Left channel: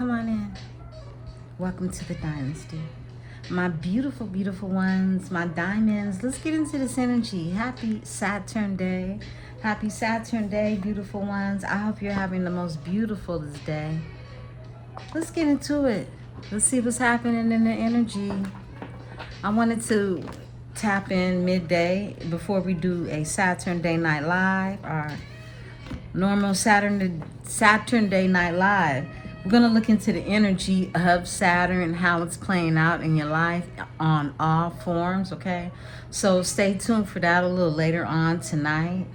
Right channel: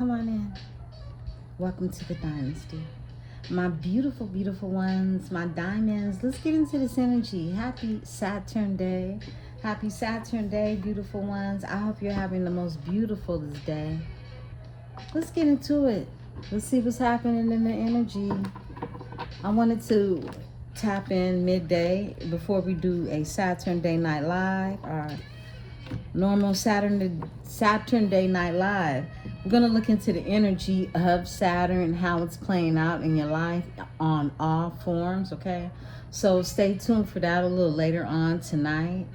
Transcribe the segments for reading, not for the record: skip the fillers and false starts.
Come on in. Welcome to the Dynasty. My beautiful, beautiful ones, my diamonds. Let's get into this energy. Happy Saturn Day. Happy Saturn Day, beautiful ones. I hope you're having the most beautiful this day. Let's get into it. Let's see what's happening in the energy. I wanted to tap in midday before we do a Saturn Day Night Live, our normal Saturn Day Night Live. We're going to look into the energy of Saturn and how it's playing out in your life on all forms, okay? So stay tuned for that a little later on tonight.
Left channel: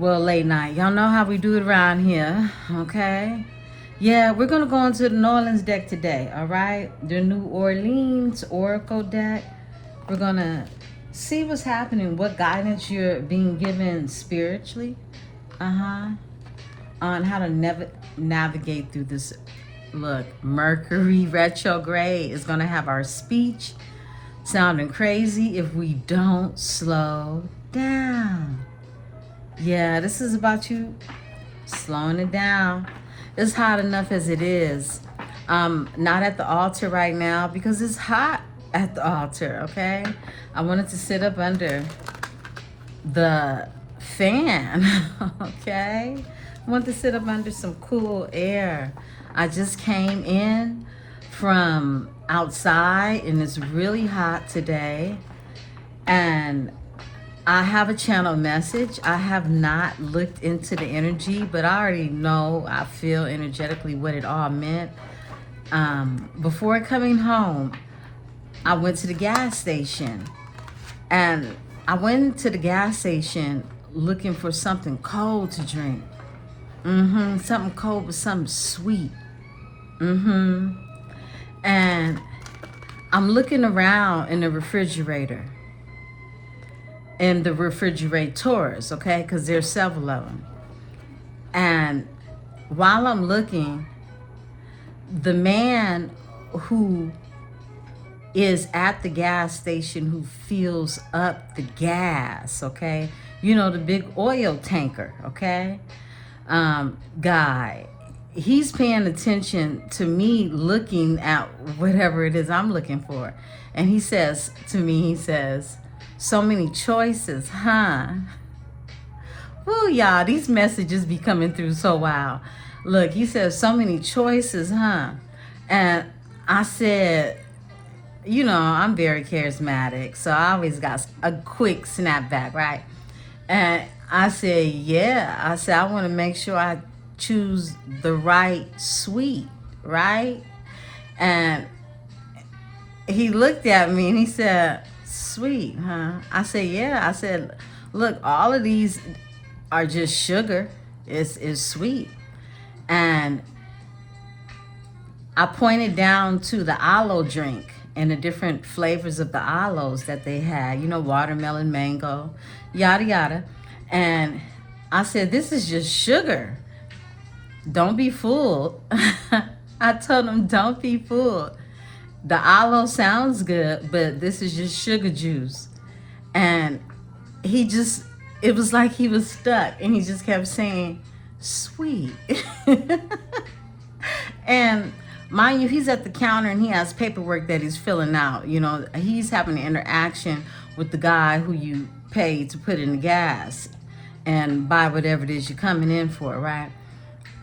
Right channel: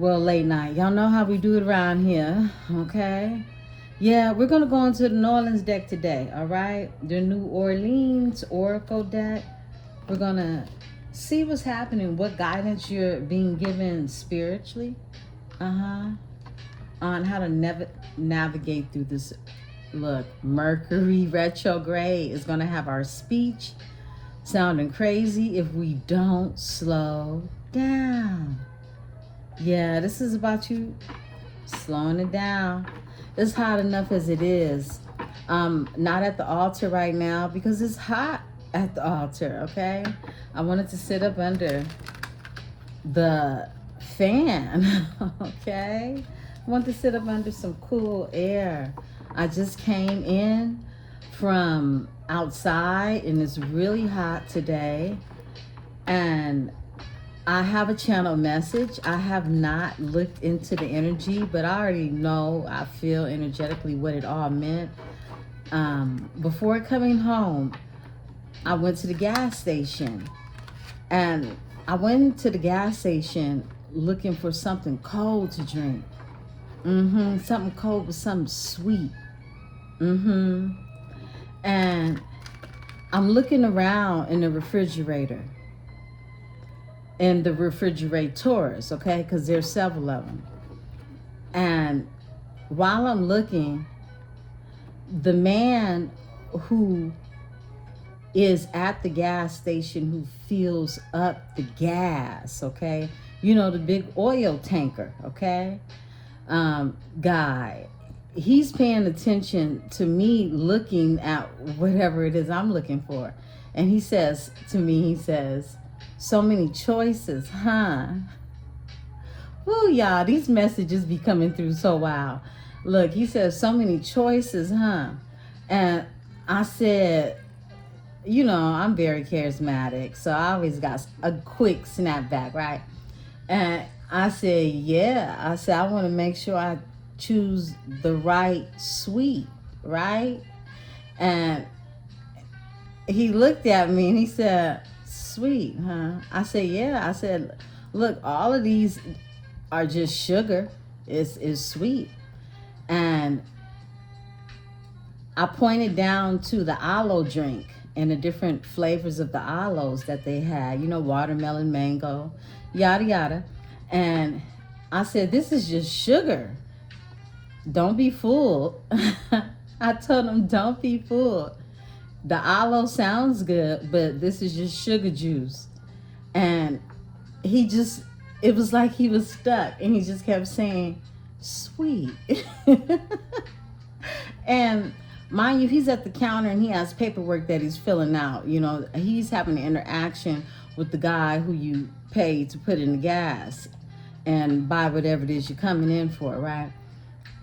Well, late night. Y'all know how we do it around here, okay? Yeah, we're going to go into the New Orleans deck today, all right? The New Orleans Oracle deck. We're going to see what's happening, what guidance you're being given spiritually, on how to navigate through this. Look, Mercury retrograde is going to have our speech sounding crazy if we don't slow down. Yeah, this is about you slowing it down. It's hot enough as it is. Not at the altar right now because it's hot at the altar, okay? I wanted to sit up under the fan, okay? I wanted to sit up under some cool air. I just came in from outside and it's really hot today. And I have a channel message. I have not looked into the energy, but I already know, I feel energetically what it all meant. Before coming home, I went to the gas station. And I went to the gas station looking for something cold to drink. Something cold with something sweet. And I'm looking around in the refrigerator. In the refrigerators, okay? Because there's several of them. And while I'm looking, the man who is at the gas station who fills up the gas, okay? You know, the big oil tanker, okay? Guy, he's paying attention to me looking at whatever it is I'm looking for. And he says to me, he says, so many choices, huh? Oh, y'all, these messages be coming through so wow. Look, he says, so many choices, huh? And I said, you know, I'm very charismatic, so I always got a quick snapback, right? And I said, yeah. I said, I want to make sure I choose the right sweet, right? And he looked at me and he said, sweet, huh? I said, yeah. I said, look, all of these are just sugar. It's sweet. And I pointed down to the aloe drink and the different flavors of the aloes that they had, you know, watermelon, mango, yada, yada. And I said, this is just sugar. Don't be fooled. I told him, don't be fooled. The aloe sounds good, but this is just sugar juice. And he just, it was like he was stuck and he just kept saying, sweet. And mind you, he's at the counter and he has paperwork that he's filling out. You know, he's having an interaction with the guy who you pay to put in the gas and buy whatever it is you're coming in for, right?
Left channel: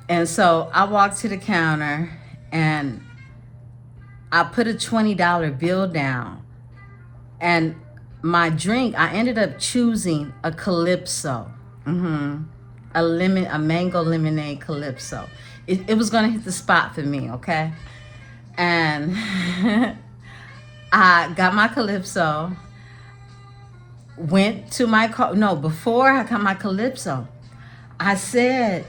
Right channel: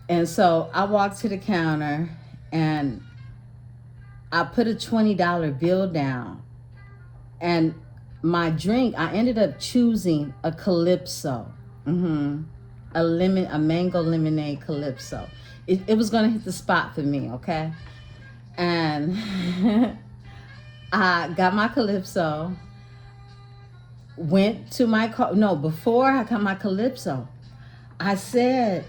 And so I walked to the counter and I put a $20 bill down. And my drink, I ended up choosing a Calypso. A mango lemonade Calypso. It was gonna hit the spot for me, okay? And I got my Calypso, went to my car. No, before I got my Calypso, I said,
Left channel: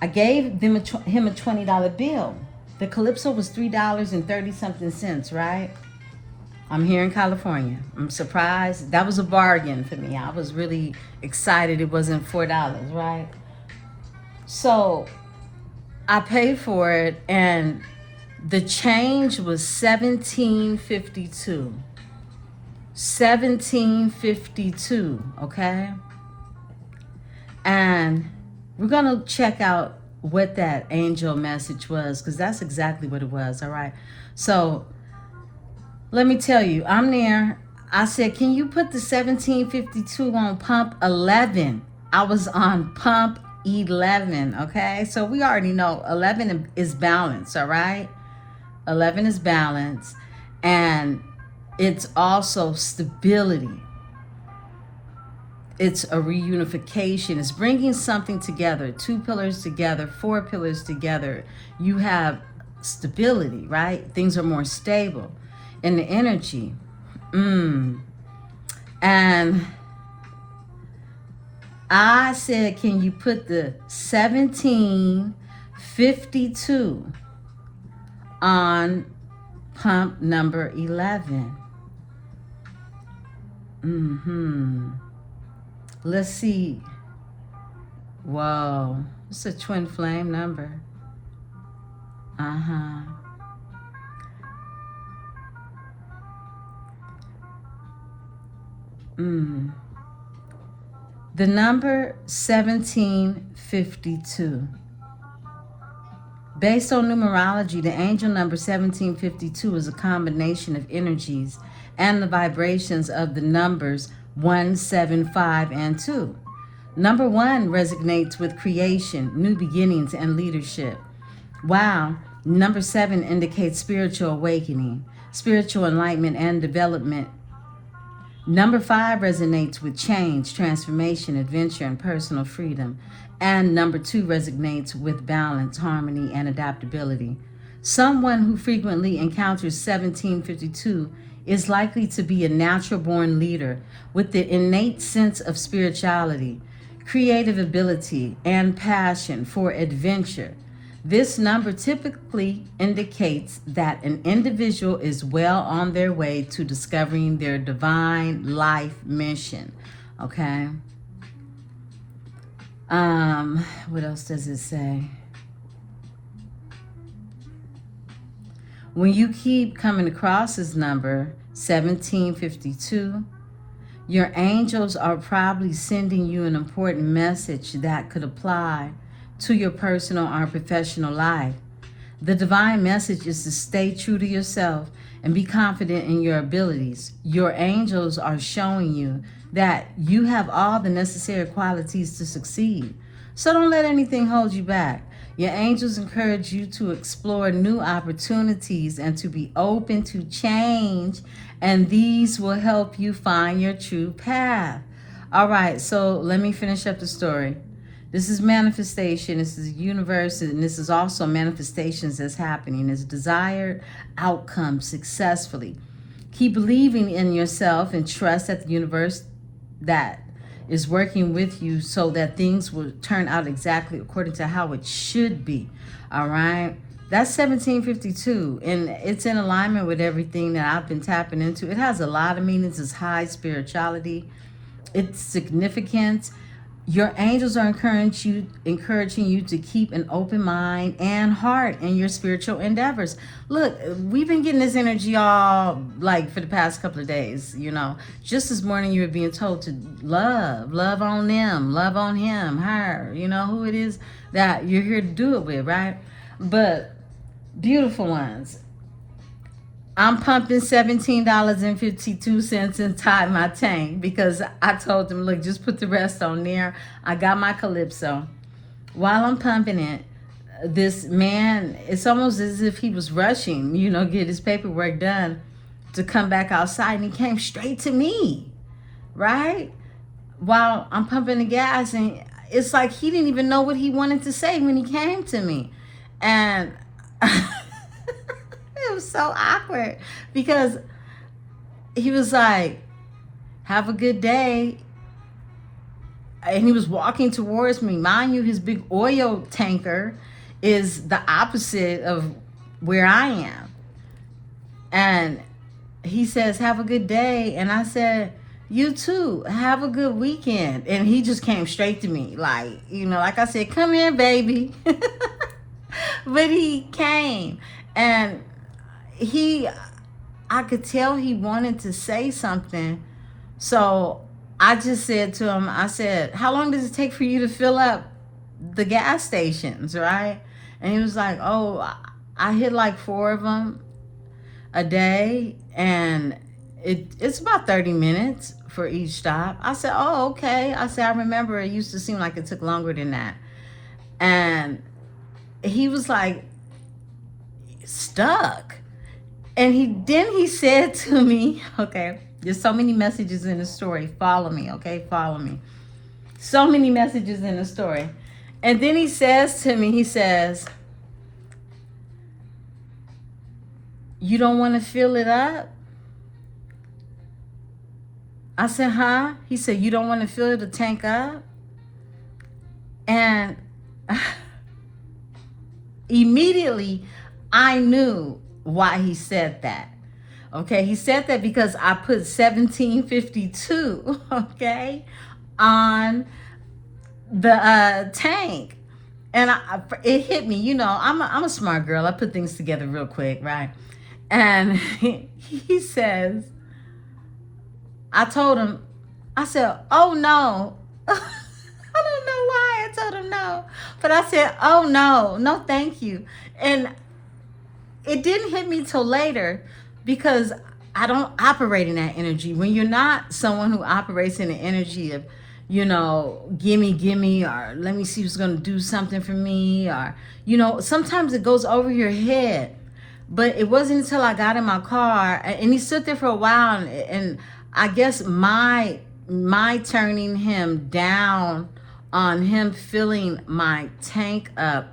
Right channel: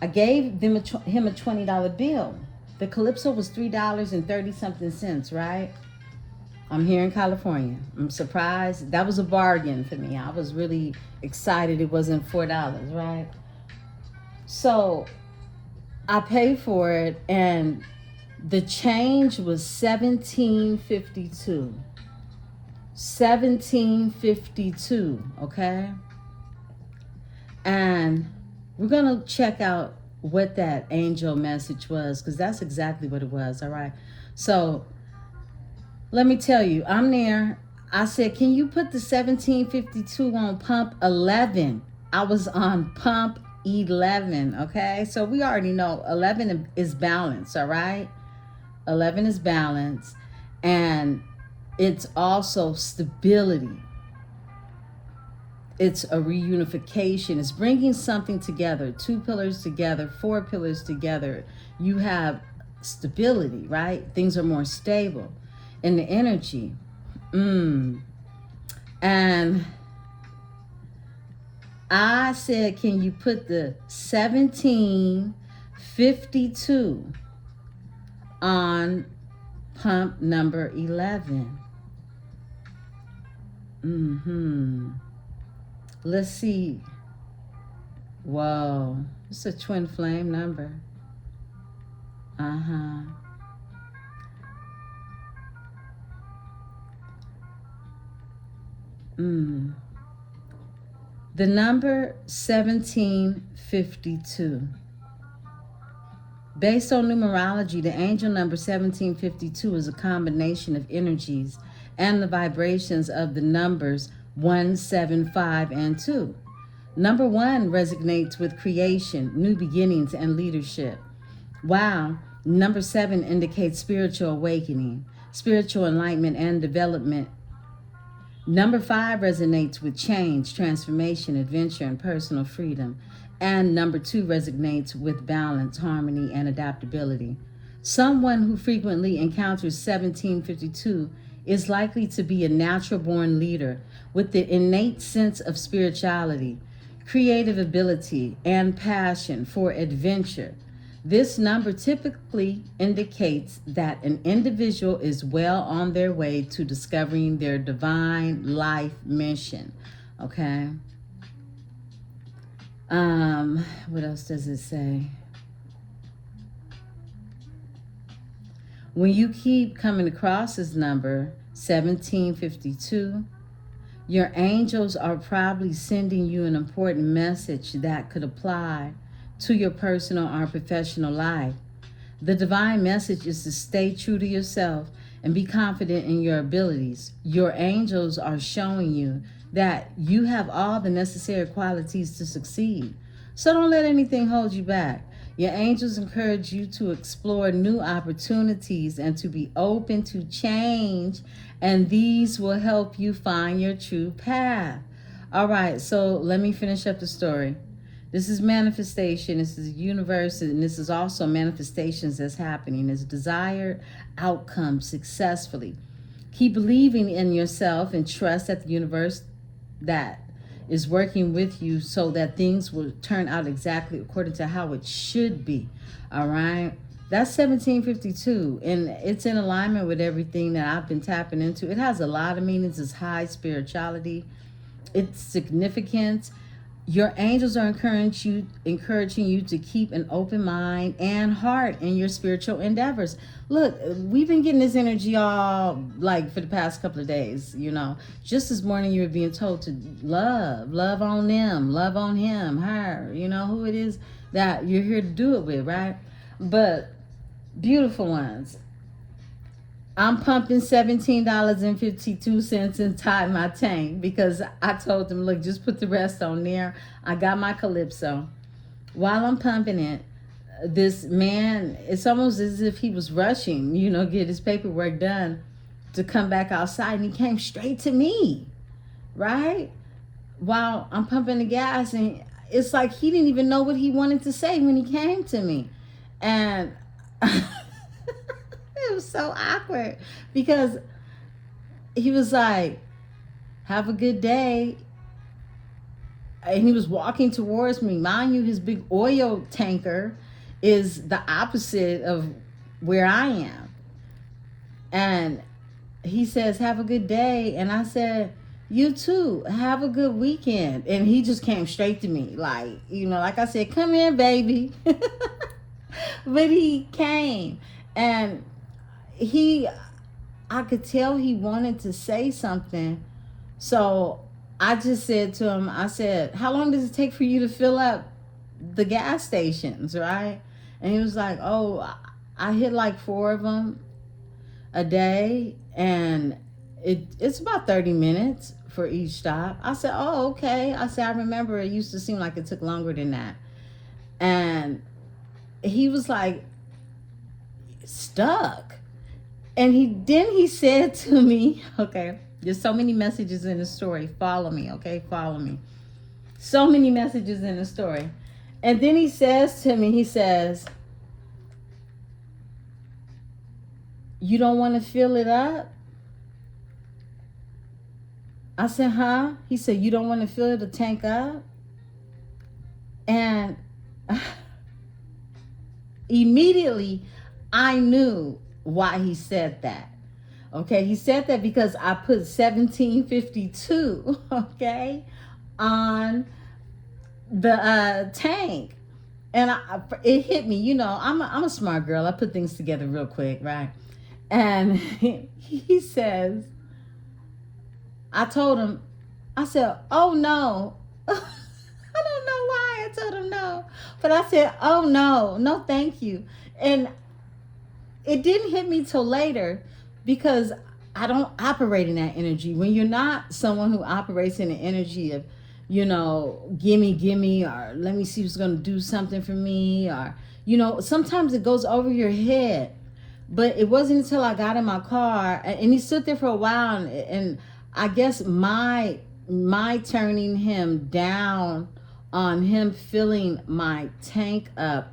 I gave him a $20 bill. The Calypso was $3.30 something, right? I'm here in California. I'm surprised. That was a bargain for me. I was really excited it wasn't $4, right? So I paid for it and the change was $17.52. $17.52, okay? And we're gonna check out what that angel message was, because that's exactly what it was. All right. So let me tell you, I'm there. I said, can you put the 1752 on pump 11? I was on pump 11. Okay. So we already know 11 is balance. All right. 11 is balance. And it's also stability. It's a reunification. It's bringing something together, two pillars together, four pillars together. You have stability, right? Things are more stable in the energy. And I said, can you put the 1752 on pump number 11? Let's see. Whoa, it's a twin flame number. The number 1752. Based on numerology, the angel number 1752 is a combination of energies and the vibrations of the numbers 1, 7, 5, and 2. Number 1 resonates with creation, new beginnings, and leadership. Wow. Number 7 indicates spiritual awakening, spiritual enlightenment, and development. Number 5 resonates with change, transformation, adventure, and personal freedom. And number 2 resonates with balance, harmony, and adaptability. Someone who frequently encounters 1752 is likely to be a natural-born leader with the innate sense of spirituality, creative ability, and passion for adventure. This number typically indicates that an individual is well on their way to discovering their divine life mission. Okay? What else does it say? When you keep coming across this number, 1752, your angels are probably sending you an important message that could apply to your personal or professional life. The divine message is to stay true to yourself and be confident in your abilities. Your angels are showing you that you have all the necessary qualities to succeed. So don't let anything hold you back. Your angels encourage you to explore new opportunities and to be open to change, and these will help you find your true path. All right, so let me finish up the story. This is manifestation. This is the universe, and this is also manifestations that's happening. It's desired outcome successfully. Keep believing in yourself and trust that the universe that is working with you so that things will turn out exactly according to how it should be. All right. That's 1752, and it's in alignment with everything that I've been tapping into. It has a lot of meanings. It's high spirituality. It's significant. Your angels are encouraging you to keep an open mind and heart in your spiritual endeavors. Look, we've been getting this energy all like for the past couple of days, you know. Just this morning you were being told to love on them, love on him, her, you know, who it is that you're here to do it with, right? But beautiful ones, I'm pumping $17.52 inside my tank because I told them, look, just put the rest on there. I got my Calypso. While I'm pumping it, this man, it's almost as if he was rushing, you know, get his paperwork done to come back outside, and he came straight to me, right? While I'm pumping the gas, and it's like he didn't even know what he wanted to say when he came to me. And it was so awkward because he was like, have a good day. And he was walking towards me. Mind you, his big oil tanker is the opposite of where I am. And he says, have a good day. And I said, you too, have a good weekend. And he just came straight to me. Like, you know, like I said, come here, baby. But he came, and I could tell he wanted to say something. So I just said to him, I said, how long does it take for you to fill up the gas stations, right? And he was like, oh, I hit like 4 of them a day, and it's about 30 minutes for each stop. I said, oh, okay. I said, I remember it used to seem like it took longer than that. And he was like, stuck. And he said to me, okay, there's so many messages in the story. Follow me, okay? Follow me. So many messages in the story. And then he says to me, he says, you don't want to fill it up? I said, huh? He said, you don't want to fill the tank up? And immediately I knew why he said that. Okay, he said that because I put 1752, okay, on the tank. And it hit me, you know, I'm a smart girl. I put things together real quick, right? And he says, I told him, I said, oh no. I don't know why I told him no. But I said, oh no, no thank you. And it didn't hit me till later because I don't operate in that energy. When you're not someone who operates in the energy of, you know, gimme, or let me see who's going to do something for me, or, you know, sometimes it goes over your head. But it wasn't until I got in my car, and he stood there for a while, and I guess my turning him down on him filling my tank up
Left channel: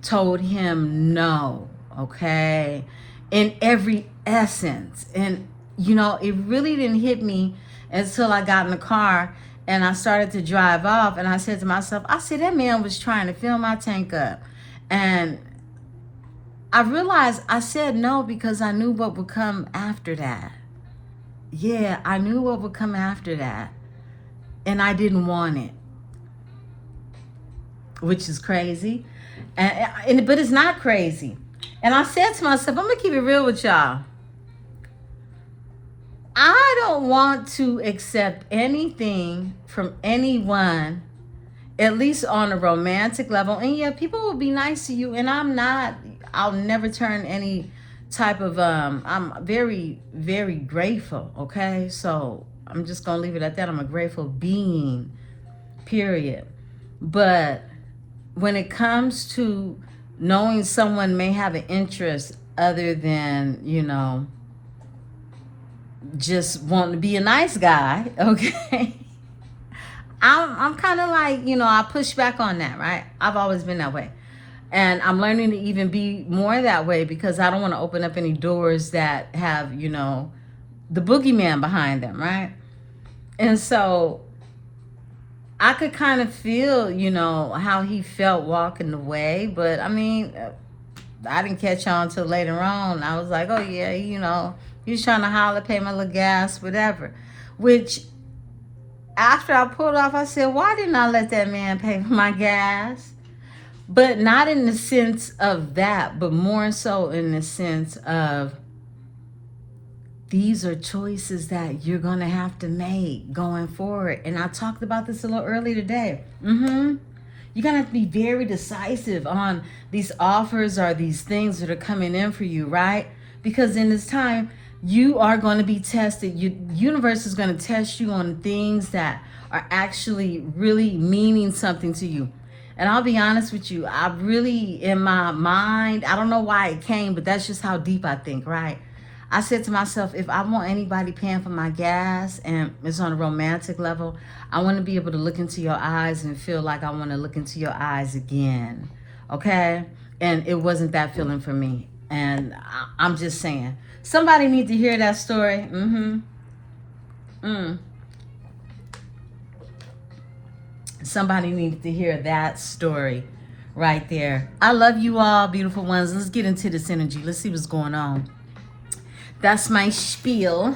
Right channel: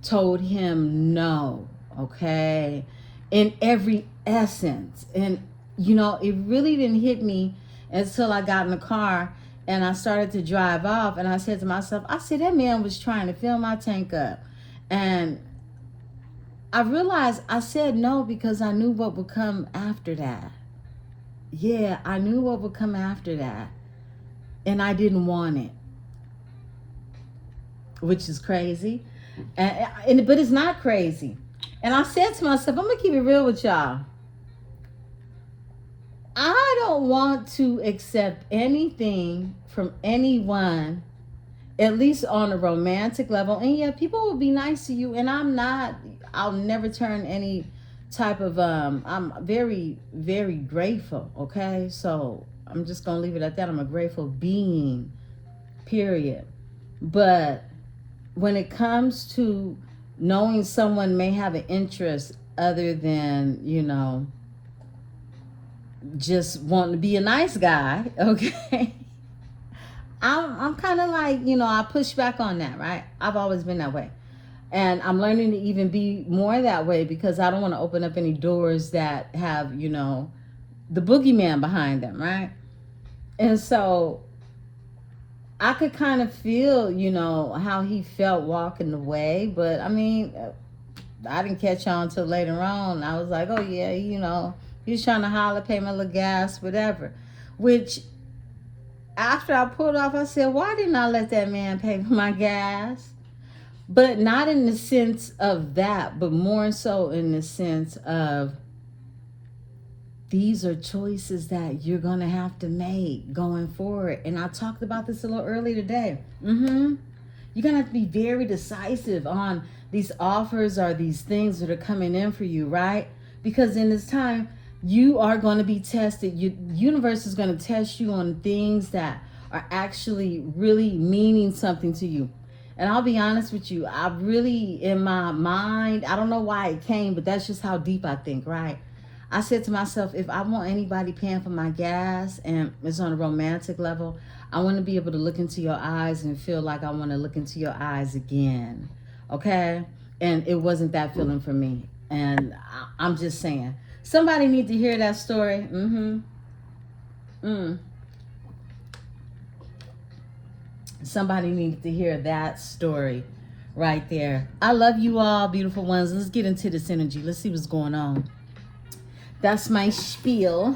told him no, okay, in every essence. And you know, it really didn't hit me until I got in the car and I started to drive off, and I said to myself, I said, that man was trying to fill my tank up. And I realized I said no because I knew what would come after that. Yeah, I knew what would come after that. And I didn't want it, which is crazy. But it's not crazy. And I said to myself, I'm going to keep it real with y'all. I don't want to accept anything from anyone, at least on a romantic level. And yeah, people will be nice to you, and I'll never turn any type of, I'm very, very grateful, okay? So I'm just going to leave it at that. I'm a grateful being, period. But when it comes to knowing someone may have an interest other than, you know, just wanting to be a nice guy, okay? I'm kind of like, you know, I push back on that, right? I've always been that way. And I'm learning to even be more that way because I don't want to open up any doors that have, you know, the boogeyman behind them, right? And so I could kind of feel, you know, how he felt walking away. But I mean, I didn't catch on until later on. I was like, oh yeah, you know, he's trying to holler, pay my little gas, whatever. Which, after I pulled off, I said, why didn't I let that man pay for my gas? But not in the sense of that, but more so in the sense of these are choices that you're going to have to make going forward. And I talked about this a little earlier today. You're going to have to be very decisive on these offers or these things that are coming in for you, right? Because in this time, you are going to be tested. Your universe is going to test you on things that are actually really meaning something to you. And I'll be honest with you, I really, in my mind, I don't know why it came, but that's just how deep I think, right? I said to myself, if I want anybody paying for my gas and it's on a romantic level, I want to be able to look into your eyes and feel like I want to look into your eyes again, okay? And it wasn't that feeling for me. And I'm just saying, somebody need to hear that story. Somebody needs to hear that story right there. I love you all, beautiful ones. Let's get into this energy. Let's see what's going on. That's my spiel.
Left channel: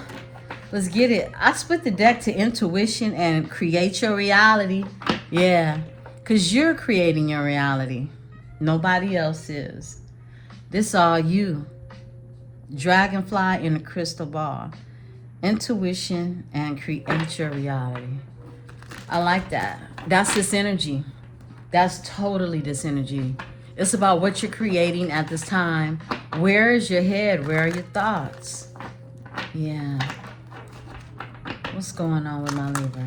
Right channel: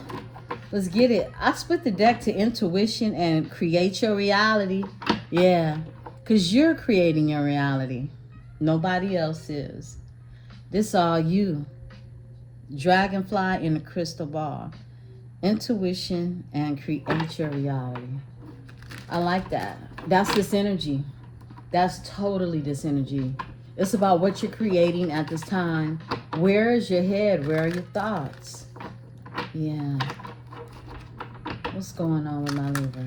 Let's get it. I split the deck to intuition and create your reality. Yeah, because you're creating your reality. Nobody else is. This all you. Dragonfly in the crystal ball. Intuition and create your reality. I like that. That's this energy. That's totally this energy. It's about what you're creating at this time. Where is your head? Where are your thoughts? Yeah. What's going on with my Libra?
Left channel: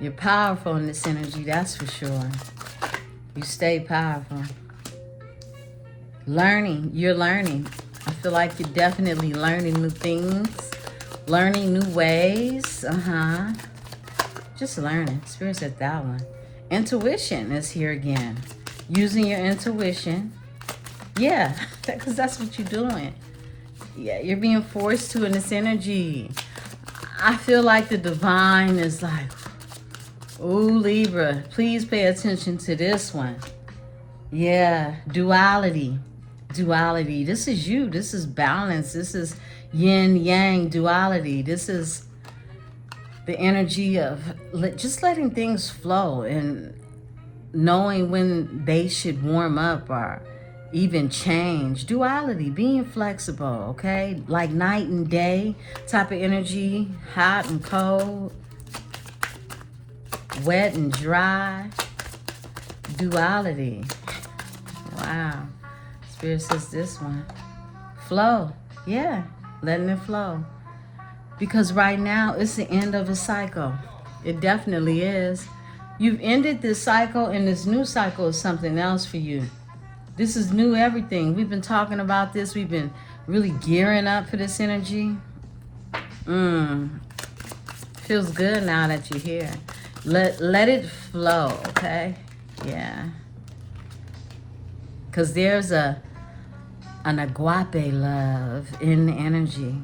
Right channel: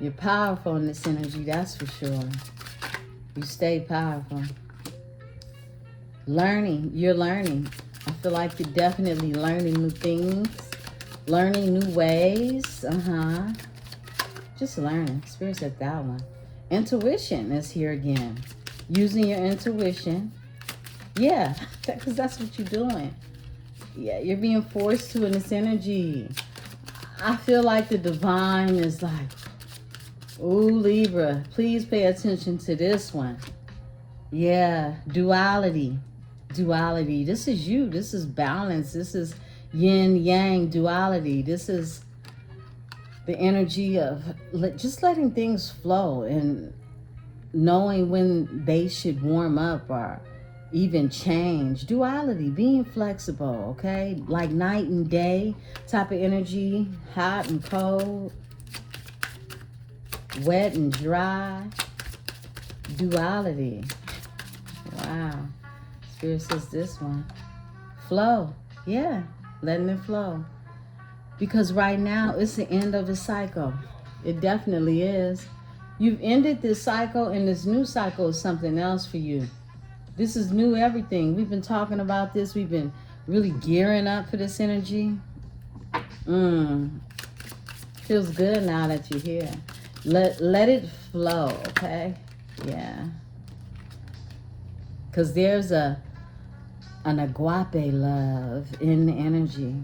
You're powerful in this energy, that's for sure. You stay powerful. Learning. You're learning. I feel like you're definitely learning new things. Learning new ways. Just learning. Spirit said that one. Intuition is here again. Using your intuition. Yeah, because that's what you're doing. Yeah, you're being forced to in this energy. I feel like the divine is like, ooh, Libra, please pay attention to this one. Yeah, duality. Duality. This is you. This is balance. This is yin yang duality. This is the energy of just letting things flow and knowing when they should warm up or even change. Duality, being flexible, okay? Like night and day type of energy, hot and cold, wet and dry. Duality. Wow. Spirit says this one. Flow. Yeah, letting it flow. Because right now, it's the end of a cycle. It definitely is. You've ended this cycle, and this new cycle is something else for you. This is new everything. We've been talking about this. We've been really gearing up for this energy. Feels good now that you're here. Let it flow, okay? Yeah. Because there's an agape love in the energy.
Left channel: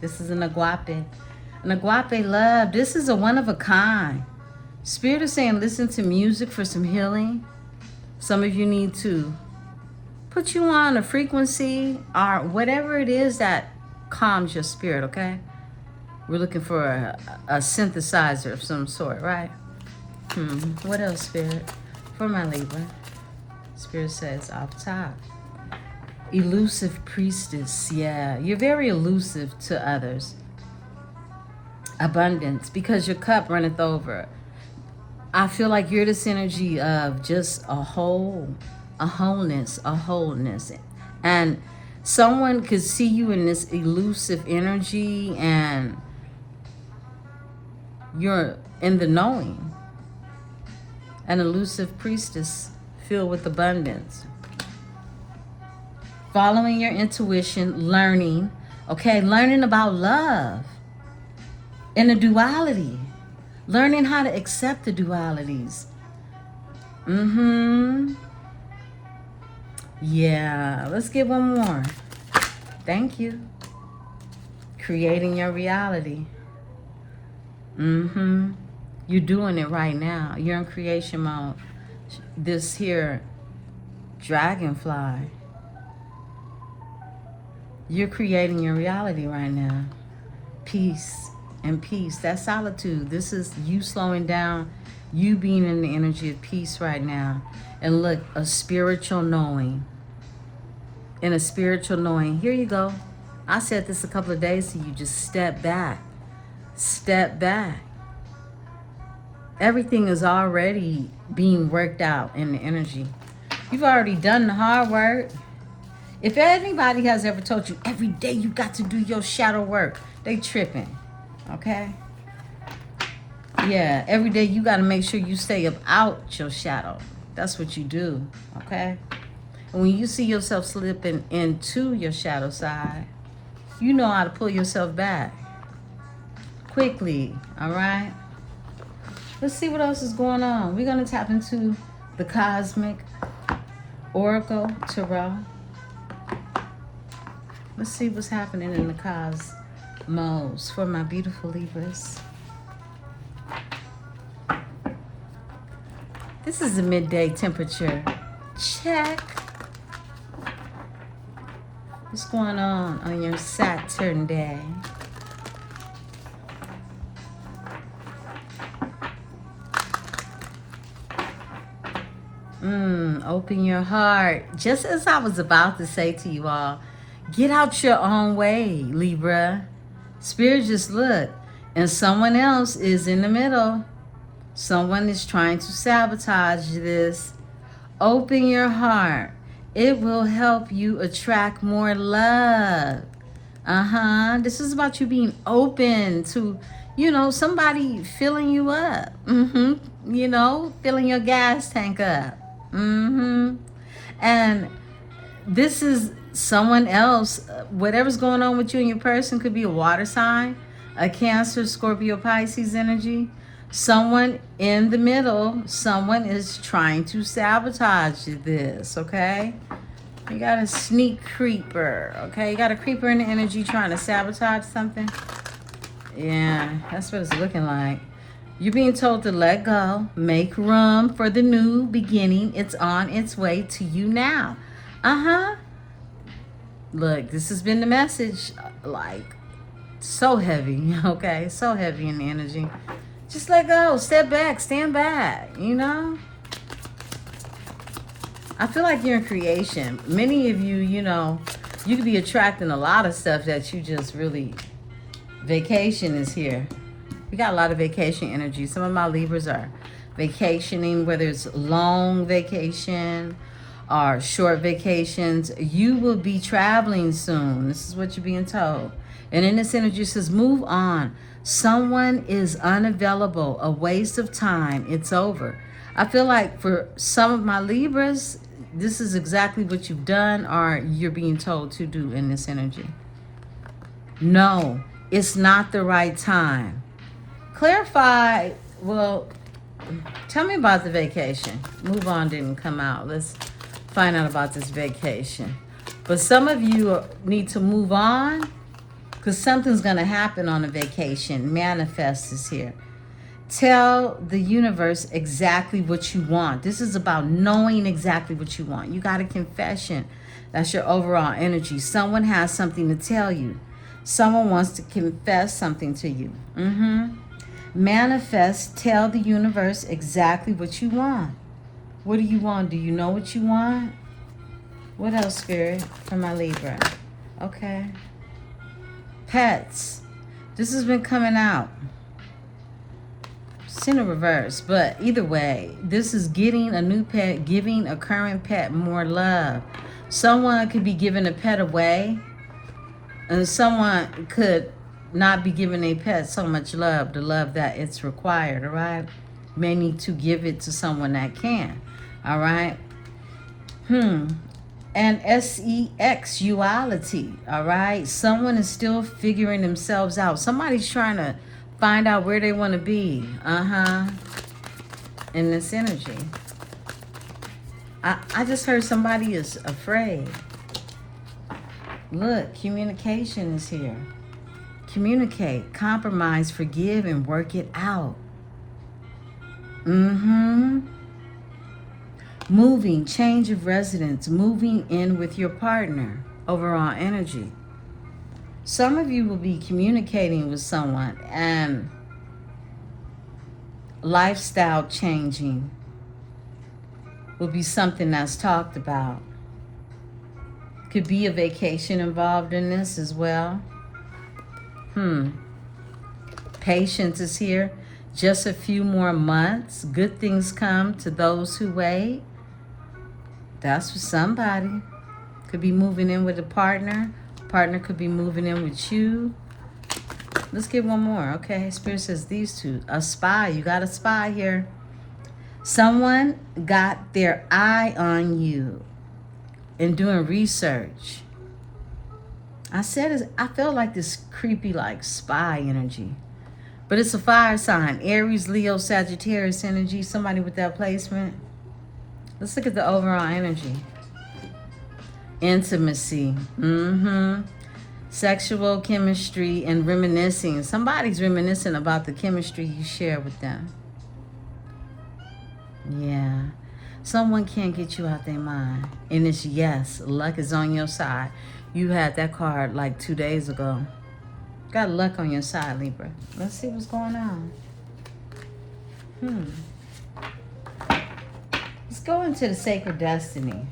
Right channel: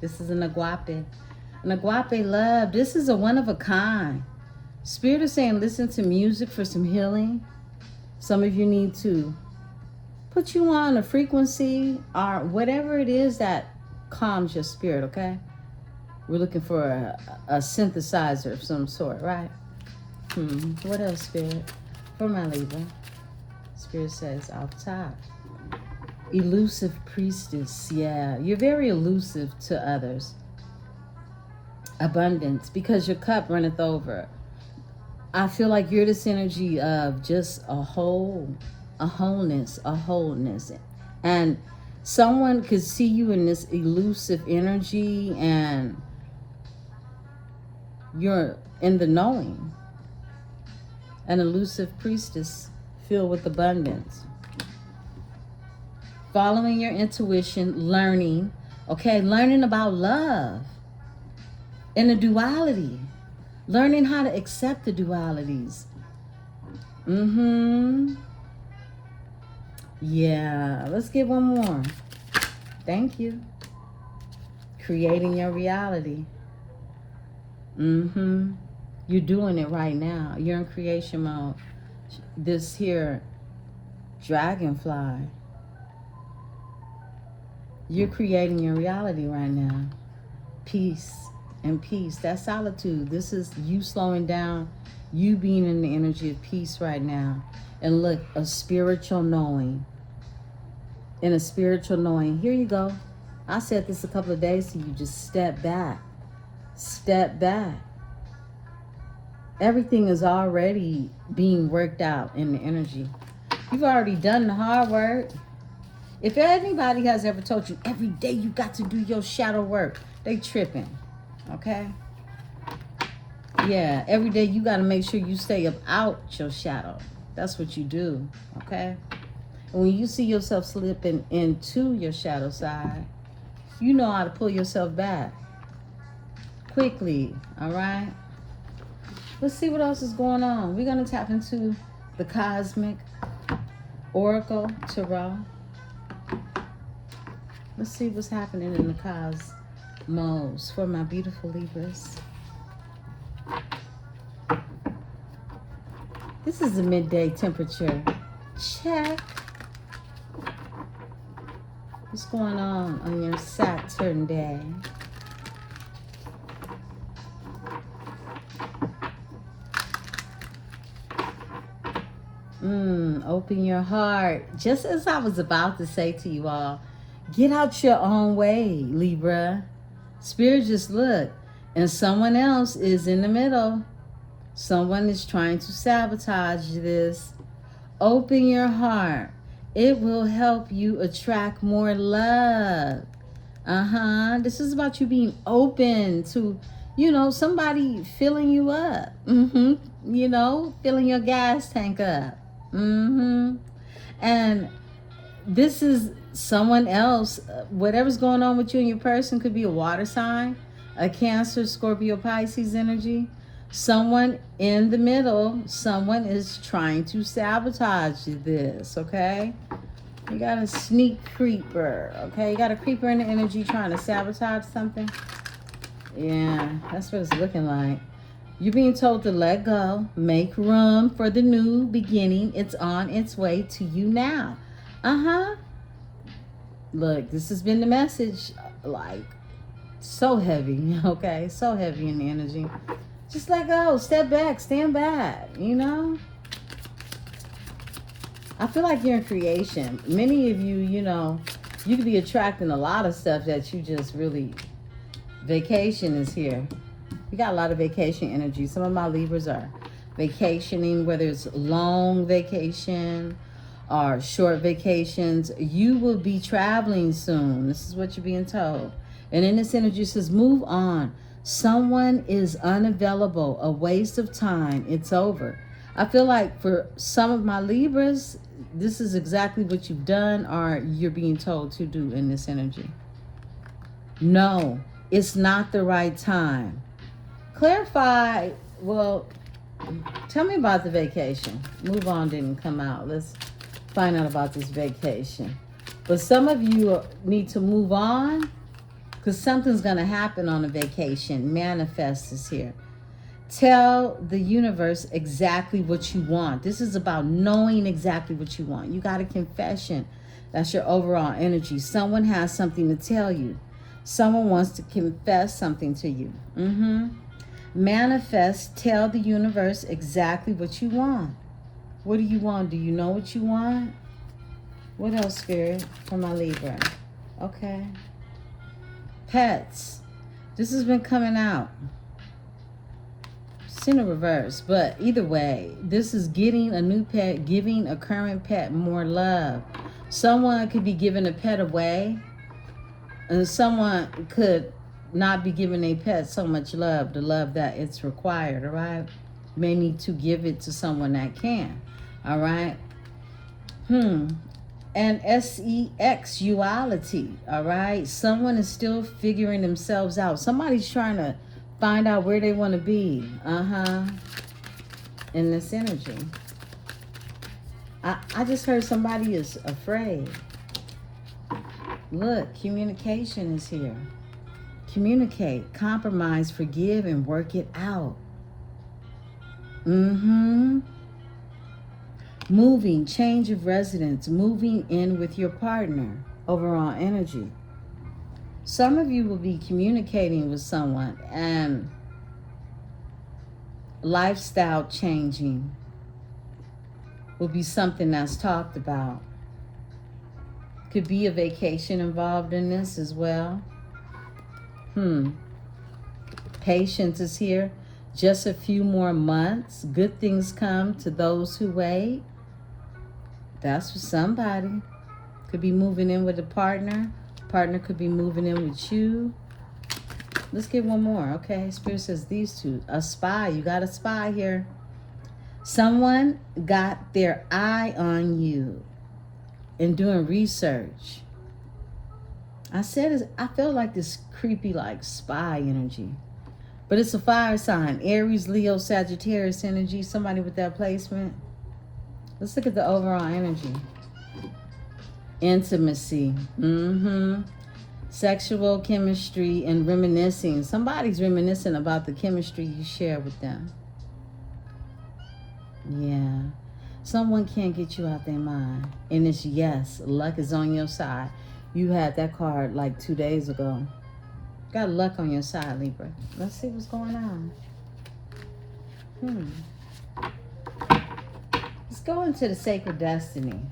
This is an agape. An agape love. This is a one of a kind. Spirit is saying listen to music for some healing. Some of you need to put you on a frequency or whatever it is that calms your spirit, okay? We're looking for a synthesizer of some sort, right? What else, Spirit? For my Libra. Spirit says off top. Elusive priestess. Yeah, you're very elusive to others. Abundance, because your cup runneth over. I feel like you're this energy of just a wholeness. And someone could see you in this elusive energy and you're in the knowing. An elusive priestess filled with abundance. Following your intuition, learning, okay, learning about love and the duality. Learning how to accept the dualities. Yeah, let's get one more. Thank you. Creating your reality. You're doing it right now. You're in creation mode. This here dragonfly. You're creating your reality right now. Peace. And peace, that's solitude. This is you slowing down, you being in the energy of peace right now. And look, a spiritual knowing. In a spiritual knowing, here you go. I said this a couple of days to you, just step back. Step back. Everything is already being worked out in the energy. You've already done the hard work. If anybody has ever told you every day you got to do your shadow work, they tripping. Okay? Yeah, every day you got to make sure you stay up out your shadow. That's what you do. Okay? And when you see yourself slipping into your shadow side, you know how to pull yourself back quickly. All right? Let's see what else is going on. We're going to tap into the Cosmic Oracle Tarot. Let's see what's happening in the cosmos for my beautiful Libras. This is the midday temperature. Check. What's going on your Saturn day? Open your heart. Just as I was about to say to you all, get out your own way, Libra. Spirit just look, and someone else is in the middle. Someone is trying to sabotage this. Open your heart. It will help you attract more love. This is about you being open to, somebody filling you up. Filling your gas tank up. And this is someone else. Whatever's going on with you and your person could be a water sign, a Cancer, Scorpio, Pisces energy. Someone in the middle, someone is trying to sabotage this, okay? You got a sneak creeper, okay? You got a creeper in the energy trying to sabotage something. Yeah, that's what it's looking like. You're being told to let go, make room for the new beginning. It's on its way to you now. Look, this has been the message, like, so heavy, okay? So heavy in the energy. Just let go, step back, stand back, I feel like you're in creation. Many of you, you could be attracting a lot of stuff that you just really, vacation is here. We got a lot of vacation energy. Some of my Libras are vacationing, whether it's long vacation or short vacations. You will be traveling soon. This is what you're being told. And in this energy, it says, move on. Someone is unavailable, a waste of time. It's over. I feel like for some of my Libras, this is exactly what you've done or you're being told to do in this energy. No, it's not the right time. Clarify, well, tell me about the vacation. Move on didn't come out. Let's find out about this vacation. But some of you need to move on because something's going to happen on a vacation. Manifest is here. Tell the universe exactly what you want. This is about knowing exactly what you want. You got a confession. That's your overall energy. Someone has something to tell you. Someone wants to confess something to you. Manifest, tell the universe exactly what you want. What do you want? Do you know what you want? What else, Spirit, for my Libra? Okay. Pets. This has been coming out. It's in a reverse, but either way, this is getting a new pet, giving a current pet more love. Someone could be giving a pet away, and someone could not be giving a pet so much love, the love that it's required, all right? May need to give it to someone that can, all right? And sexuality, all right? Someone is still figuring themselves out. Somebody's trying to find out where they want to be, in this energy. I just heard somebody is afraid. Look, communication is here. Communicate, compromise, forgive, and work it out. Moving, change of residence, moving in with your partner, overall energy. Some of you will be communicating with someone and lifestyle changing will be something that's talked about. Could be a vacation involved in this as well. Patience is here. Just a few more months. Good things come to those who wait. That's for somebody. Could be moving in with a partner. Partner could be moving in with you. Let's get one more. Okay, Spirit says these two. A spy. You got a spy here. Someone got their eye on you and doing research. I felt like this creepy, like, spy energy. But it's a fire sign. Aries, Leo, Sagittarius energy. Somebody with that placement. Let's look at the overall energy. Intimacy. Sexual chemistry and reminiscing. Somebody's reminiscing about the chemistry you share with them. Yeah. Someone can't get you out their mind. And it's yes. Luck is on your side. You had that card like 2 days ago. Got luck on your side, Libra. Let's see what's going on. Let's go into the sacred destiny.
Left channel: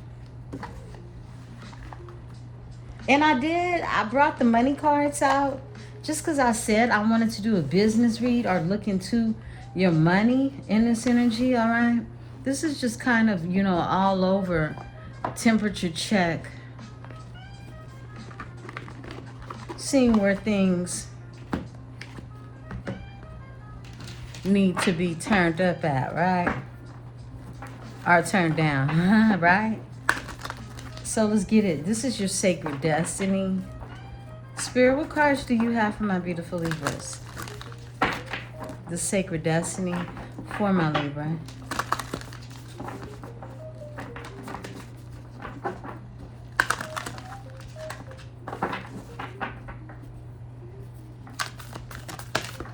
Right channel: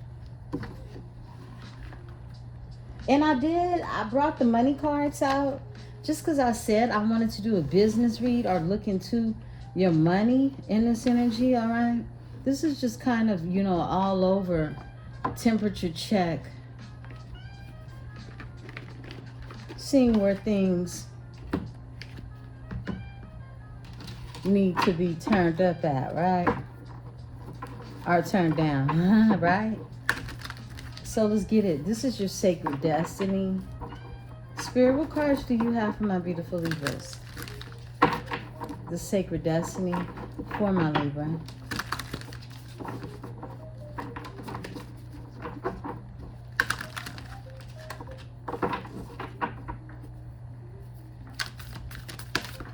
And I brought the money cards out just because I said I wanted to do a business read or look into your money in this energy, all right? This is just kind of, you know, all over temperature check. Seeing where things need to be turned up at, right? Or turned down, right? So let's get it. This is your sacred destiny. Spirit, what cards do you have for my beautiful Libras? The sacred destiny for my Libra.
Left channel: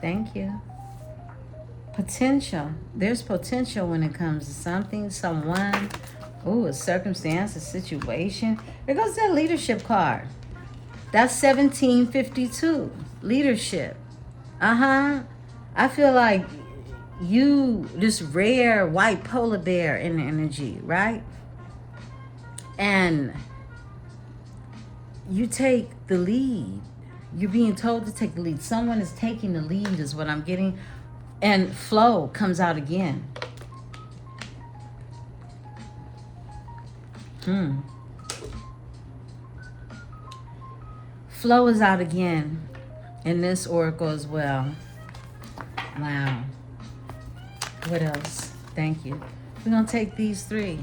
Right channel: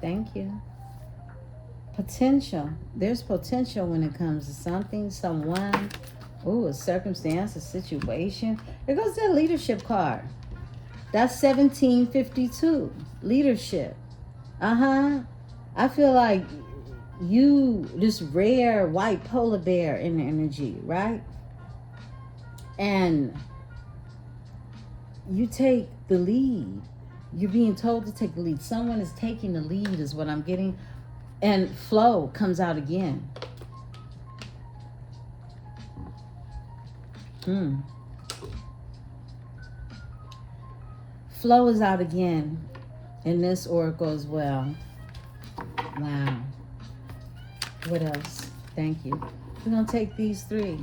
Thank you. Potential. There's potential when it comes to something, someone, ooh, a circumstance, a situation. There goes that leadership card. That's 1752. Leadership. I feel like you, this rare white polar bear in the energy, right? And you take the lead. You're being told to take the lead. Someone is taking the lead is what I'm getting. And flow comes out again. Flow is out again in this oracle as well. Wow. What else? Thank you. We're going to take these three.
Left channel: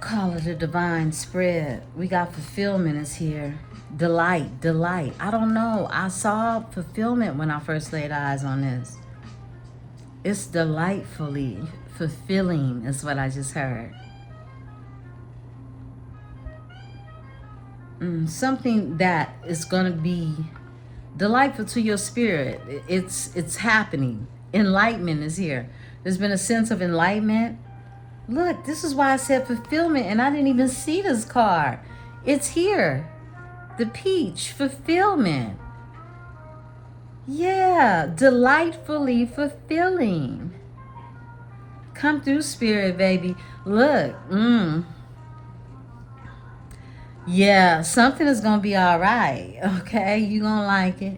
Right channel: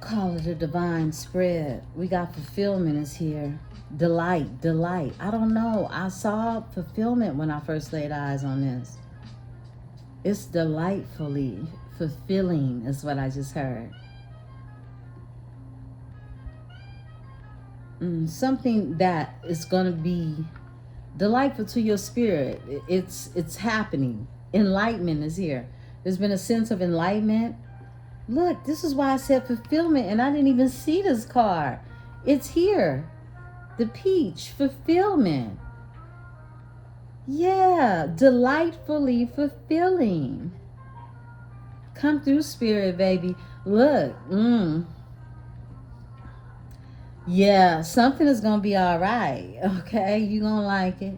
Call it a divine spread. We got fulfillment is here. Delight, delight. I don't know. I saw fulfillment when I first laid eyes on this. It's delightfully fulfilling is what I just heard. Something that is going to be delightful to your spirit. It's happening. Enlightenment is here. There's been a sense of enlightenment. Look, this is why I said fulfillment, and I didn't even see this card. It's here. The peach, fulfillment. Yeah, delightfully fulfilling. Come through, spirit, baby. Look, yeah, something is going to be all right, okay? You're going to like it.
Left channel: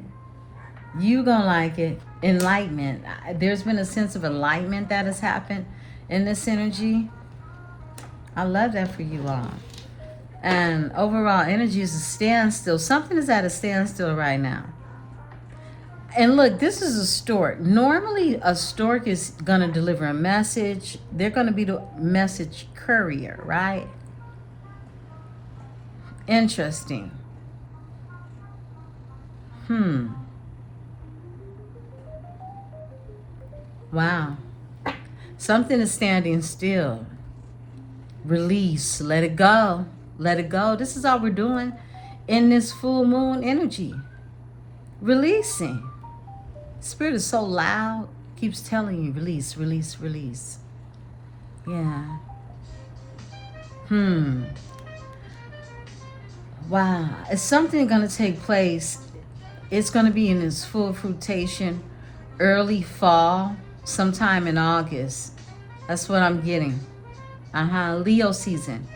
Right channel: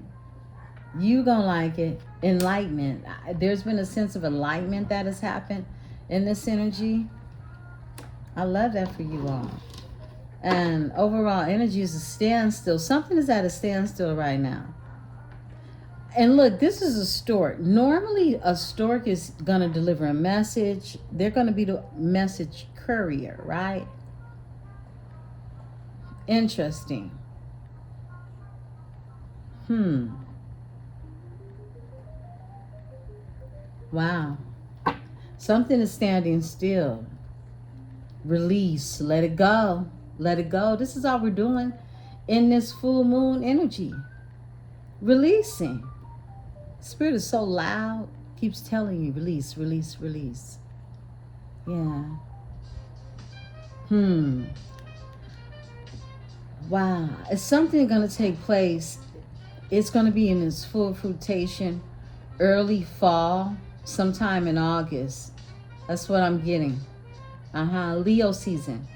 You're going to like it. Enlightenment. There's been a sense of enlightenment that has happened in this energy. I love that for you all. And overall energy is a standstill. Something is at a standstill right now. And look, this is a stork. Normally, a stork is going to deliver a message. They're going to be the message courier, right? Interesting. Wow. Something is standing still. Release. Let it go. Let it go. This is all we're doing in this full moon energy. Releasing. Spirit is so loud. Keeps telling you, release, release, release. Yeah. Wow. Is something going to take place? It's going to be in this full fruitation, early fall, sometime in August. That's what I'm getting. Leo season.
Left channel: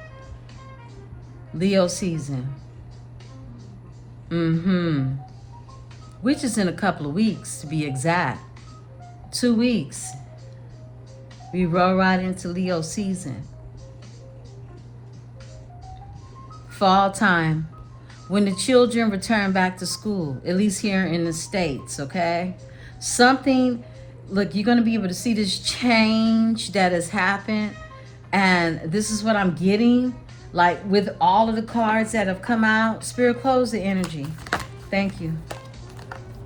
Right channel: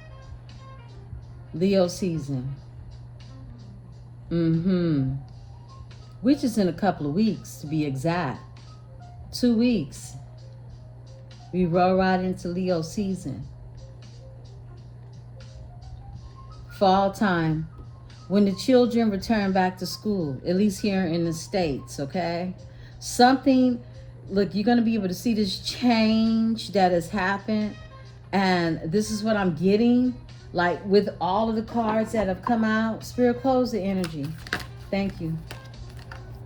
Leo season. Which is in a couple of weeks, to be exact. 2 weeks. We roll right into Leo season. Fall time. When the children return back to school, at least here in the States, okay? Something, look, you're going to be able to see this change that has happened. And this is what I'm getting. Like with all of the cards that have come out, Spirit, close the energy. Thank you.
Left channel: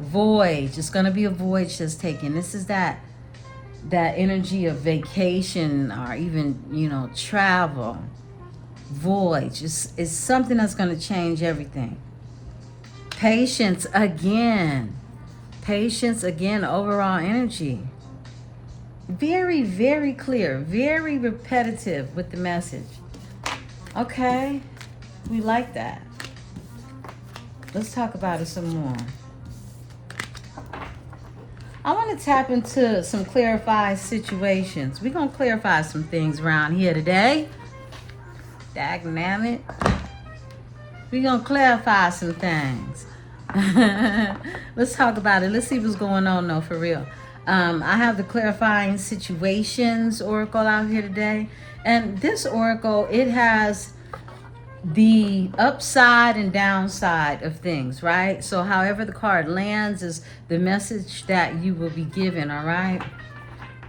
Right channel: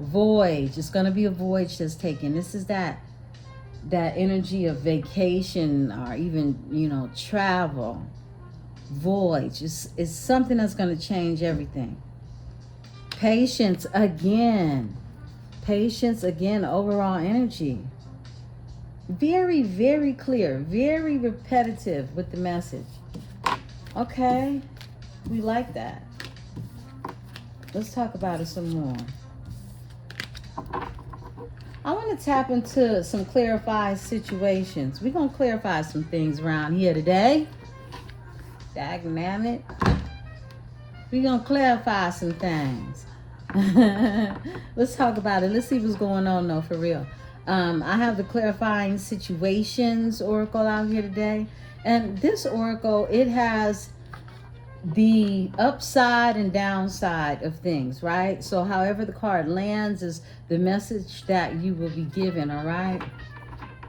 Voyage. It's going to be a voyage that's taken. This is that energy of vacation or even, you know, travel. Voyage. It's something that's going to change everything. Patience again. Patience again. Overall energy. Very, very clear. Very repetitive with the message. Okay, we like that. Let's talk about it some more. I want to tap into some clarified situations. We're going to clarify some things around here today. Dagnammit. We're going to clarify some things. Let's talk about it. Let's see what's going on, though, for real. I have the clarifying situations oracle out here today. And this oracle, it has the upside and downside of things, right? So however the card lands is the message that you will be given, all right?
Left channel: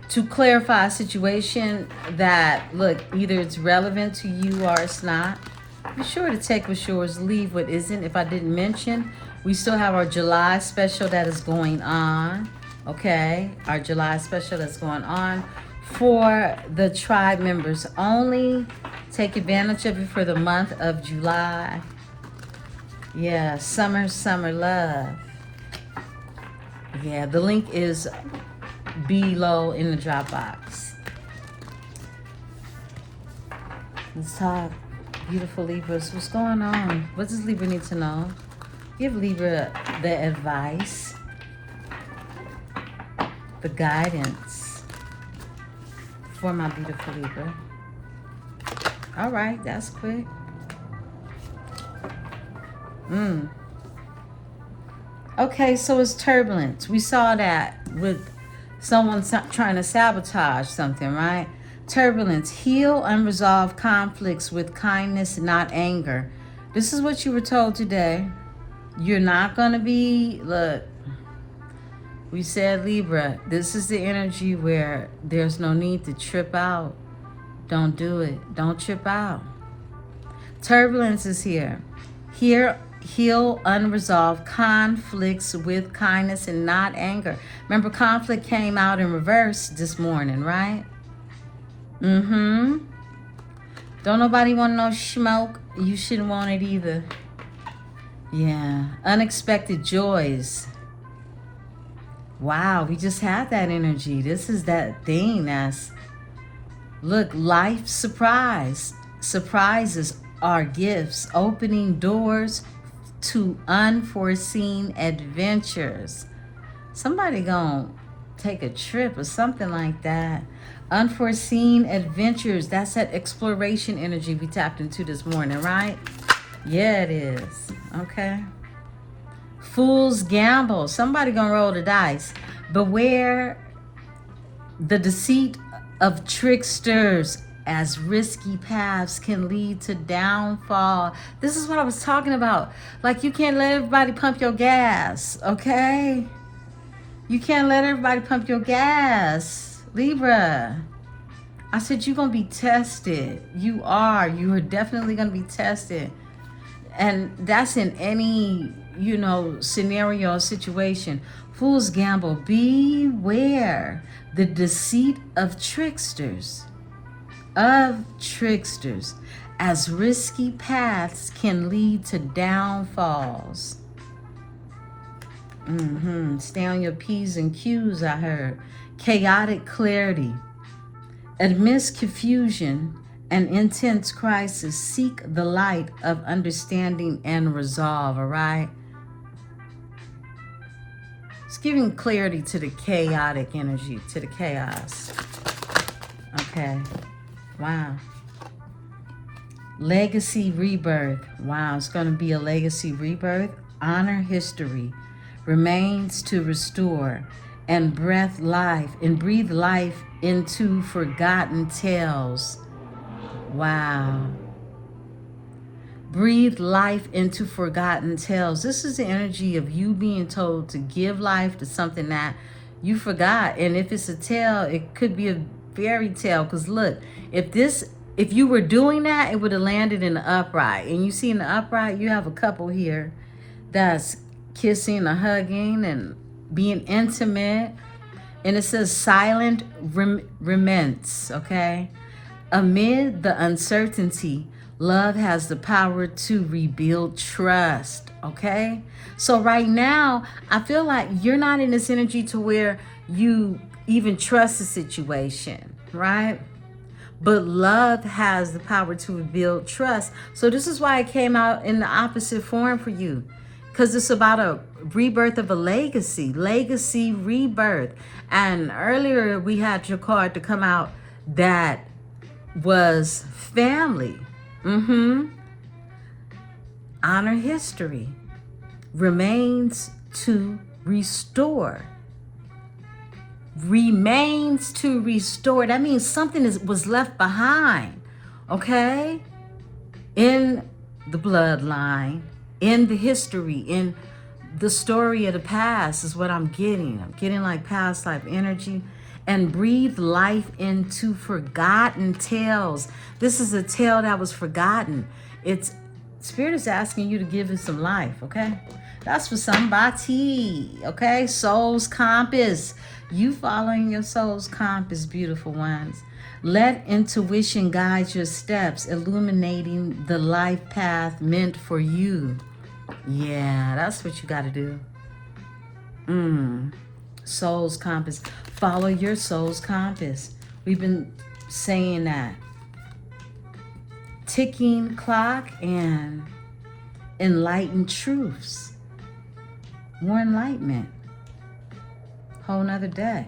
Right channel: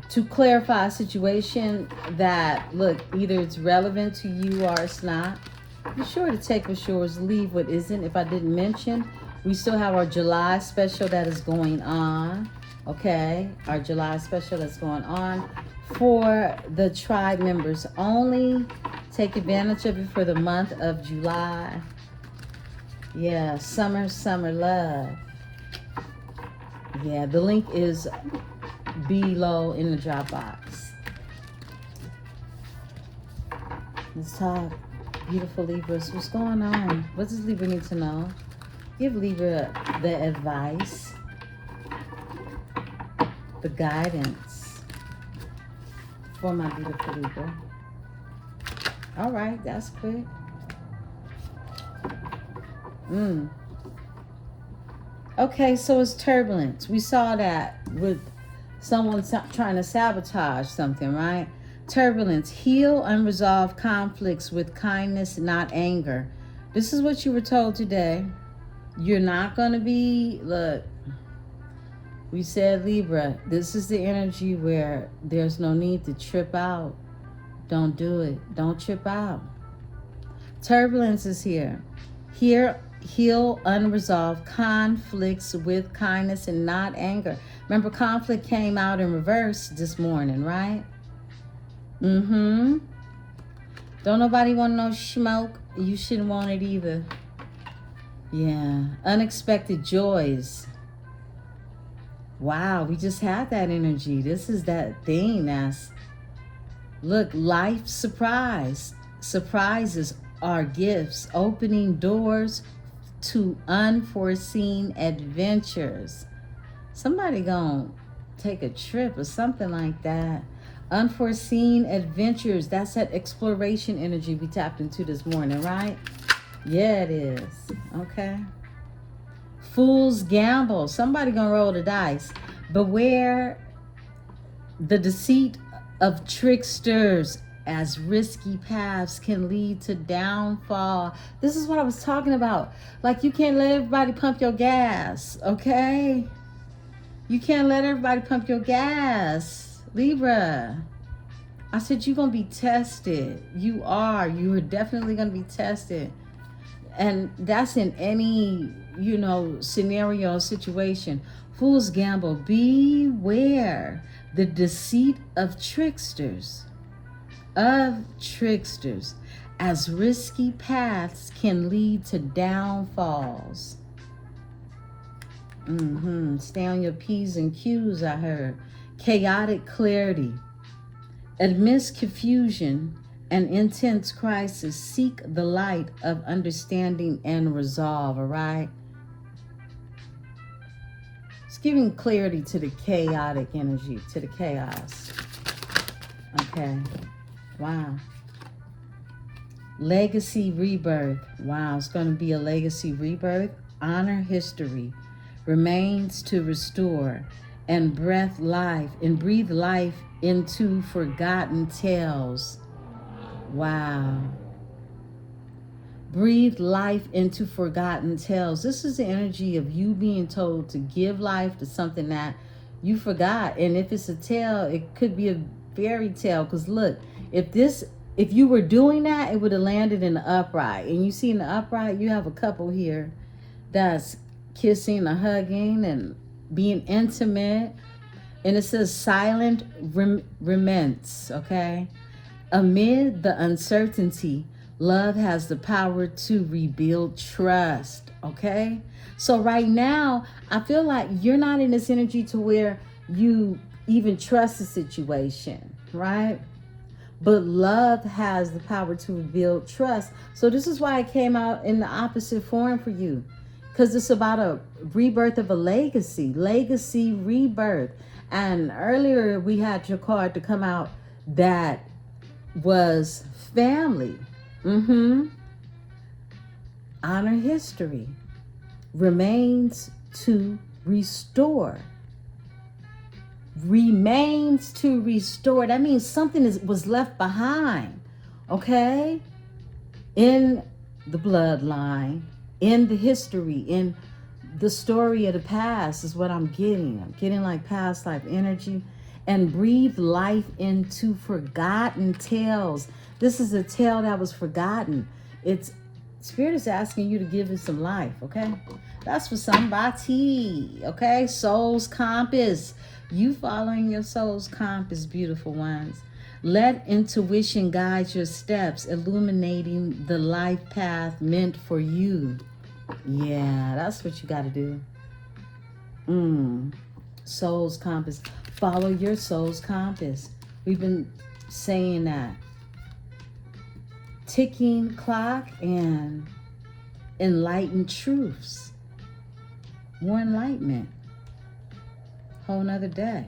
To clarify a situation that, look, either it's relevant to you or it's not. Be sure to take what's yours, leave what isn't. If I didn't mention, we still have our July special that is going on, okay? Our July special that's going on for the tribe members only. Take advantage of it for the month of July. Yeah, summer love. Yeah, the link is below in the Dropbox. Let's talk, beautiful Libras. What's going on? What does Libra need to know? Give Libra the advice, the guidance for my beautiful Libra. All right, that's quick. Okay, so it's turbulence. We saw that with someone trying to sabotage something, right? Turbulence. Heal unresolved conflicts with kindness, not anger. This is what you were told today. You're not going to be, look, we said Libra, this is the energy where there's no need to trip out. Don't do it. Don't trip out. Turbulence is here. Heal unresolved conflicts with kindness and not anger. Remember, conflict came out in reverse this morning, right? Don't nobody want no smoke. You shouldn't want it either. Yeah. Unexpected joys. Wow, we just had that energy. This is that thing that's, look, life surprise. Surprises are gifts, opening doors to unforeseen adventures. Somebody gonna take a trip or something like that. Unforeseen adventures. That's that exploration energy we tapped into this morning, right? Yeah, it is. Okay. Fool's gamble. Somebody gonna roll the dice. Beware the deceit of tricksters, as risky paths can lead to downfall. This is what I was talking about. Like, you can't let everybody pump your gas, okay? You can't let everybody pump your gas, Libra. I said you're going to be tested. You are. You are definitely going to be tested. And that's in any, scenario or situation. Fool's gamble. Beware the deceit of tricksters. As risky paths can lead to downfalls. Stay on your P's and Q's, I heard. Chaotic clarity. Amidst confusion and intense crisis, seek the light of understanding and resolve, all right? It's giving clarity to the chaotic energy, to the chaos. Okay. Wow. Legacy rebirth. Wow, it's going to be a legacy rebirth. Honor history. Remains to restore and breathe life into forgotten tales. Wow. Breathe life into forgotten tales. This is the energy of you being told to give life to something that you forgot. And if it's a tale, it could be a fairy tale. Because look, if you were doing that, it would have landed in the upright. And you see in the upright, you have a couple here that's kissing or hugging and being intimate. And it says silent remnants, okay? Amid the uncertainty, love has the power to rebuild trust, okay? So right now, I feel like you're not in this energy to where you even trust the situation, right? But love has the power to rebuild trust. So this is why it came out in the opposite form for you. Because it's about a rebirth of a legacy rebirth. And earlier we had your card to come out that was family. Honor history. Remains to restore. remains to restore. That means something was left behind, okay? In the bloodline, in the history, in the story of the past is what I'm getting. I'm getting like past life energy. And breathe life into forgotten tales. This is a tale that was forgotten. It's Spirit is asking you to give it some life, okay? That's for somebody, okay? Soul's compass. You following your soul's compass, beautiful ones. Let intuition guide your steps, illuminating the life path meant for you. Yeah, that's what you got to do. Soul's compass. Follow your soul's compass. We've been saying that. Ticking clock and enlightened truths. More enlightenment. Whole nother day.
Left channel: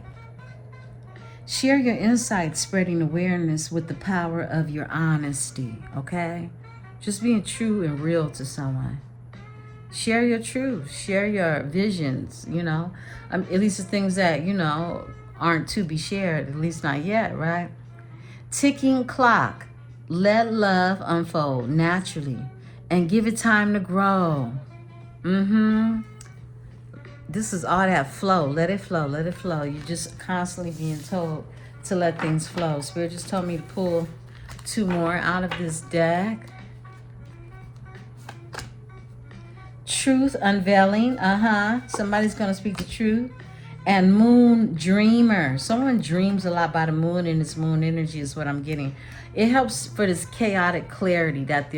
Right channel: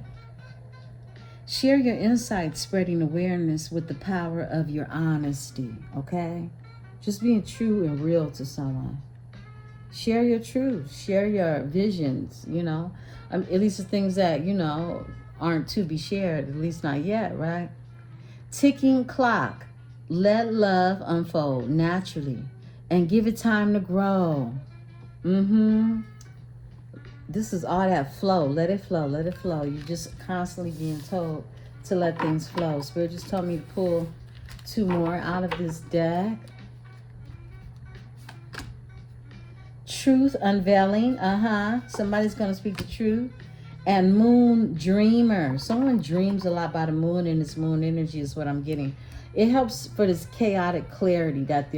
Share your insights, spreading awareness with the power of your honesty, okay? Just being true and real to someone. Share your truth. Share your visions, you know. At least the things that, you know, aren't to be shared, at least not yet, right? Ticking clock. Let love unfold naturally and give it time to grow. This is all that flow. Let it flow. Let it flow. You're just constantly being told to let things flow. Spirit just told me to pull 2 more out of this deck. Truth unveiling. Somebody's going to speak the truth. And moon dreamer. Someone dreams a lot by the moon, and this moon energy is what I'm getting. It helps for this chaotic clarity that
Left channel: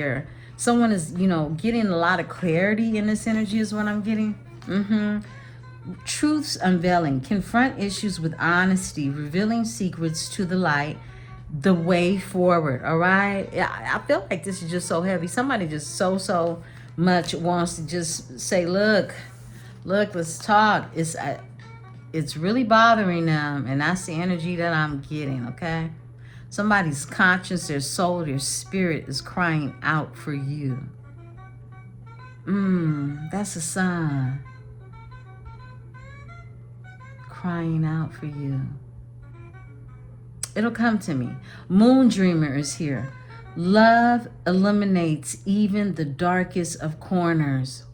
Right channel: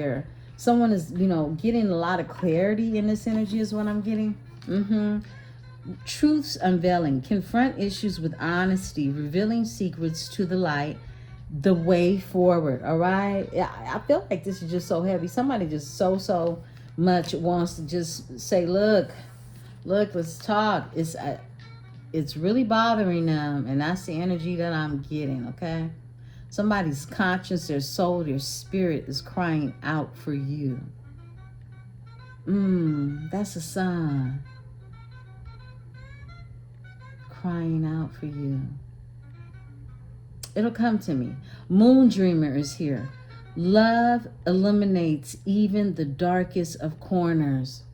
someone is, you know, getting a lot of clarity in this energy is what I'm getting. Truths unveiling. Confront issues with honesty, revealing secrets to the light, the way forward. All right. I feel like this is just so heavy. Somebody just so much wants to just say, look, let's talk. It's really bothering them, and that's the energy that I'm getting, okay? Somebody's conscience, their soul, their spirit is crying out for you. That's a sign. Crying out for you. It'll come to me. Moon dreamer is here. Love illuminates even the darkest of corners.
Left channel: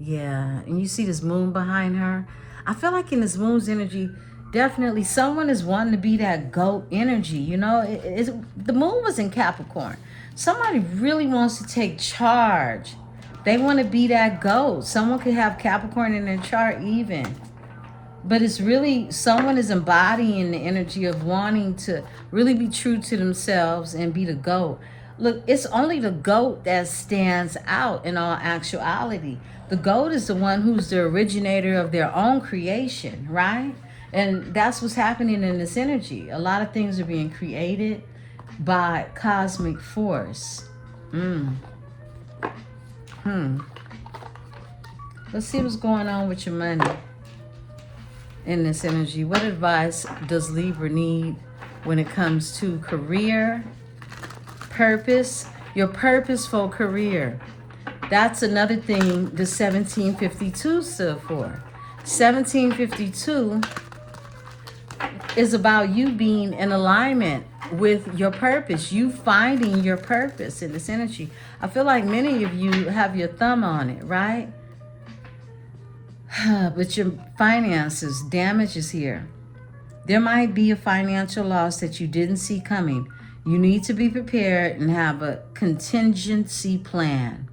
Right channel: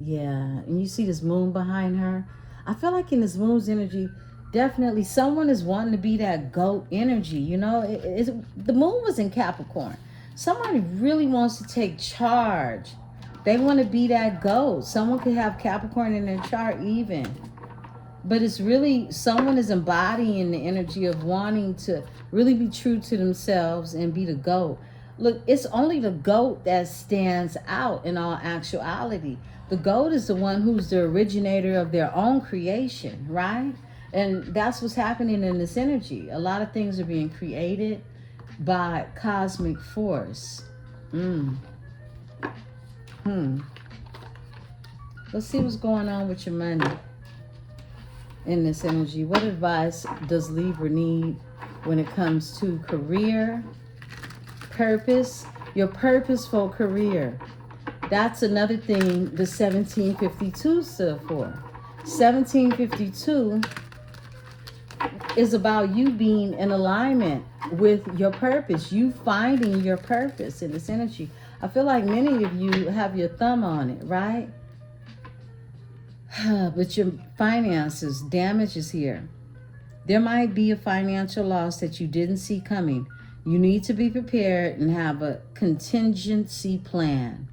Yeah, and you see this moon behind her. I feel like in this moon's energy, definitely someone is wanting to be that goat energy. You know, the moon was in Capricorn. Somebody really wants to take charge. They want to be that goat. Someone could have Capricorn in their chart even. But it's really, someone is embodying the energy of wanting to really be true to themselves and be the goat. Look, it's only the goat that stands out in all actuality. The goat is the one who's the originator of their own creation, right? And that's what's happening in this energy. A lot of things are being created by cosmic force. Let's see what's going on with your money in this energy. What advice does Libra need when it comes to career, purpose, your purposeful career? That's another thing the 1752 stood for. 1752 is about you being in alignment with your purpose, you finding your purpose in this energy. I feel like many of you have your thumb on it, right? But your finances, damage is here. There might be a financial loss that you didn't see coming. You need to be prepared and have a contingency plan.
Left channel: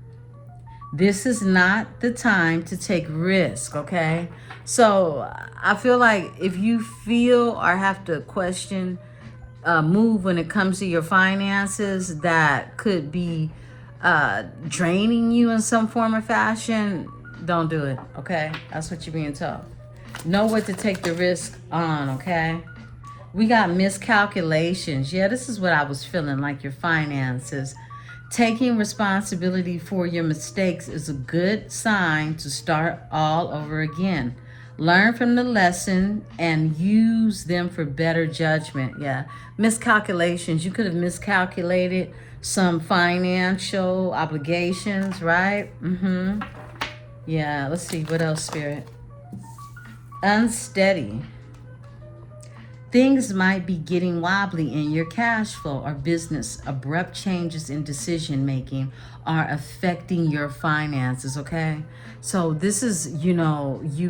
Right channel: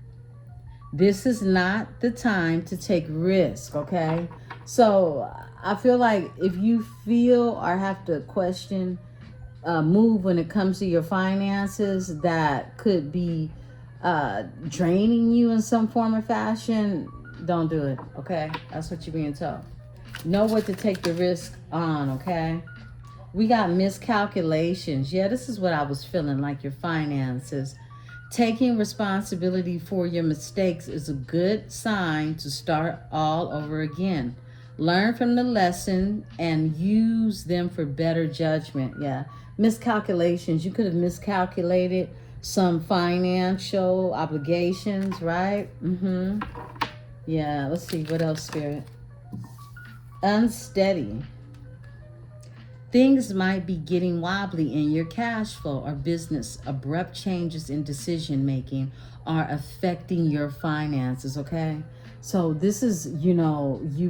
This is not the time to take risk, okay? So I feel like if you feel or have to question a move when it comes to your finances that could be draining you in some form or fashion, don't do it, okay? That's what you're being told. Know what to take the risk on, okay? We got miscalculations. Yeah, this is what I was feeling like your finances. Taking responsibility for your mistakes is a good sign to start all over again. Learn from the lesson and use them for better judgment. Yeah, miscalculations. You could have miscalculated some financial obligations, right? Yeah, let's see. What else, Spirit? unsteady. Things might be getting wobbly in your cash flow or business. Abrupt changes in decision making are affecting your finances, okay? So this is, you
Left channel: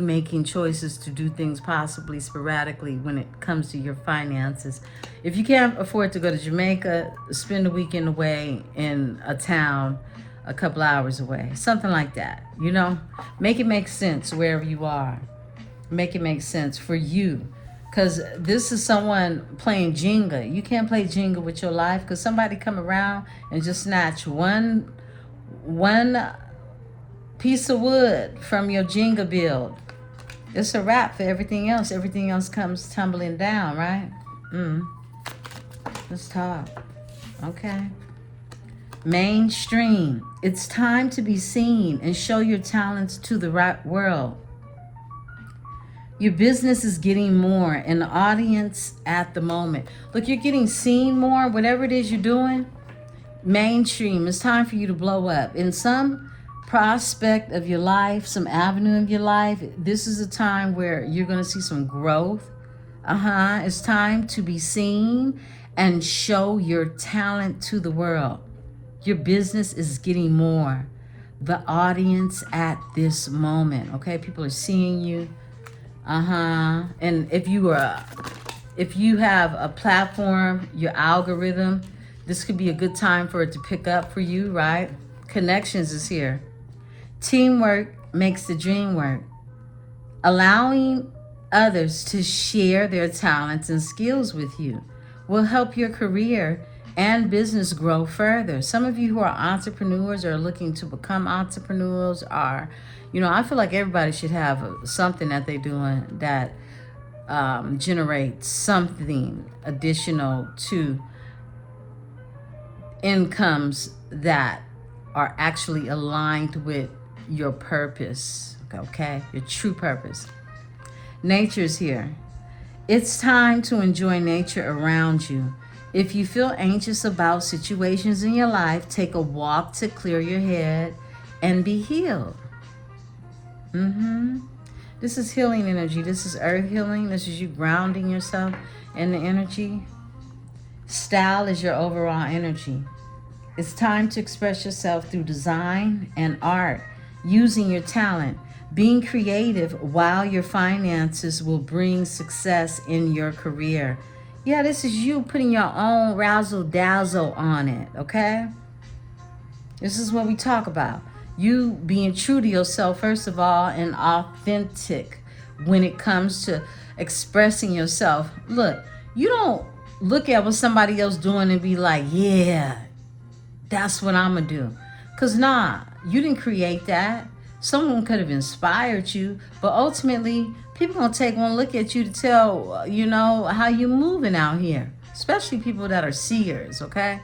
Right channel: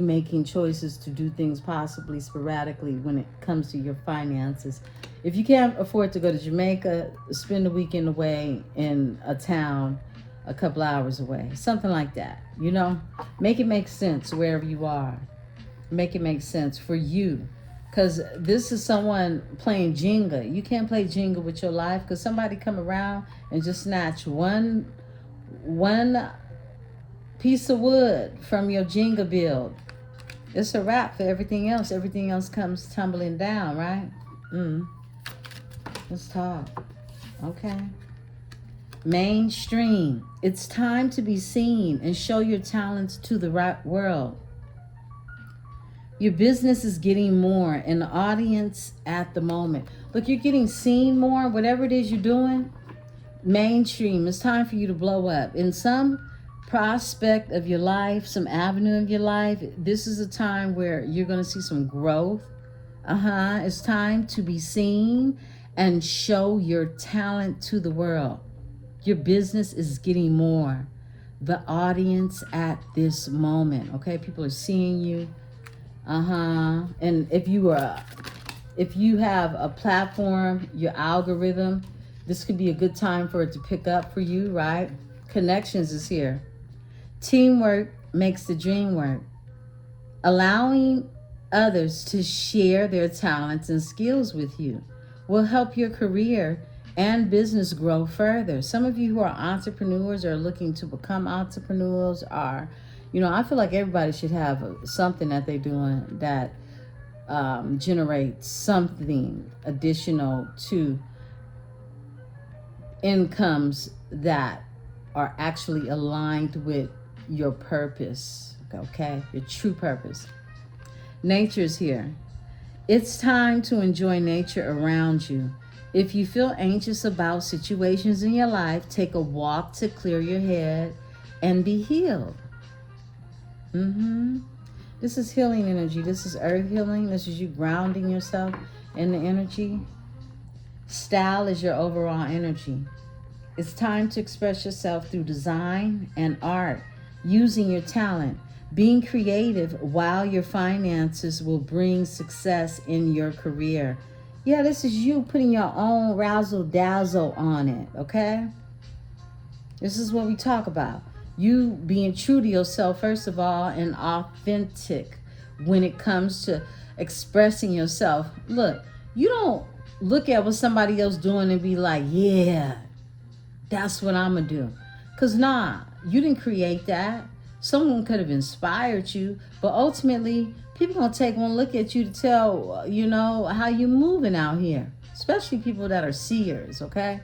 making choices to do things possibly sporadically when it comes to your finances. If you can't afford to go to Jamaica, spend a weekend away in a town a couple hours away, something like that, Make it make sense wherever you are. Make it make sense for you. Because this is someone playing Jenga. You can't play Jenga with your life because somebody come around and just snatch one piece of wood from your Jenga build. It's a wrap for everything else. Everything else comes tumbling down, right? Let's talk. Okay. Mainstream. It's time to be seen and show your talents to the right world. Your business is getting more an audience at the moment. Look, you're getting seen more, whatever it is you're doing. Mainstream, it's time for you to blow up. In some prospect of your life, some avenue of your life, this is a time where you're going to see some growth. It's time to be seen and show your talent to the world. Your business is getting more. The audience at this moment, okay? People are seeing you. And if you have a platform, your algorithm, this could be a good time for it to pick up for you, right? Connections is here. Teamwork makes the dream work. Allowing others to share their talents and skills with you will help your career and business grow further. Some of you who are entrepreneurs or are looking to become entrepreneurs are, I feel like everybody should have something that they're doing that generates something additional to incomes that are actually aligned with your purpose, okay? Your true purpose. Nature's here. It's time to enjoy nature around you. If you feel anxious about situations in your life, take a walk to clear your head and be healed. This is healing energy. This is earth healing. This is you grounding yourself in the energy. Style is your overall energy. It's time to express yourself through design and art, using your talent. Being creative while your finances will bring success in your career. Yeah, this is you putting your own razzle dazzle on it, okay? This is what we talk about. You being true to yourself, first of all, and authentic when it comes to expressing yourself. Look, you don't look at what somebody else doing and be like, yeah, that's what I'm going to do. Because you didn't create that. Someone could have inspired you, but ultimately, people going to take one look at you to tell, how you moving out here, especially people that are seers, okay?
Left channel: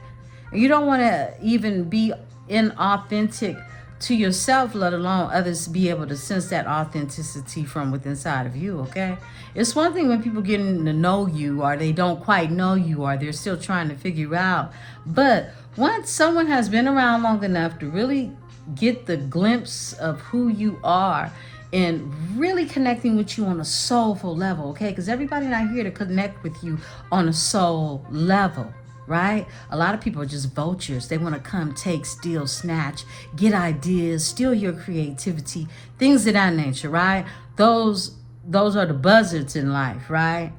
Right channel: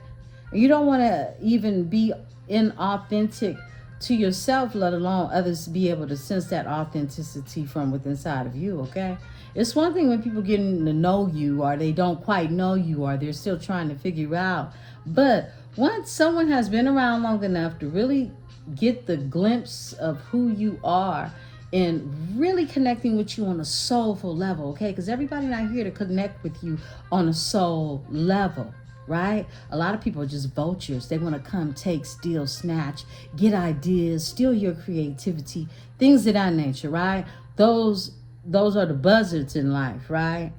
And you don't want to even be inauthentic to yourself, let alone others be able to sense that authenticity from within inside of you, okay? It's one thing when people getting to know you or they don't quite know you or they're still trying to figure out. But once someone has been around long enough to really get the glimpse of who you are and really connecting with you on a soulful level, okay? Because everybody's not here to connect with you on a soul level. Right? A lot of people are just vultures. They want to come, take, steal, snatch, get ideas, steal your creativity, things of that nature, right? Those are the buzzards in life, right?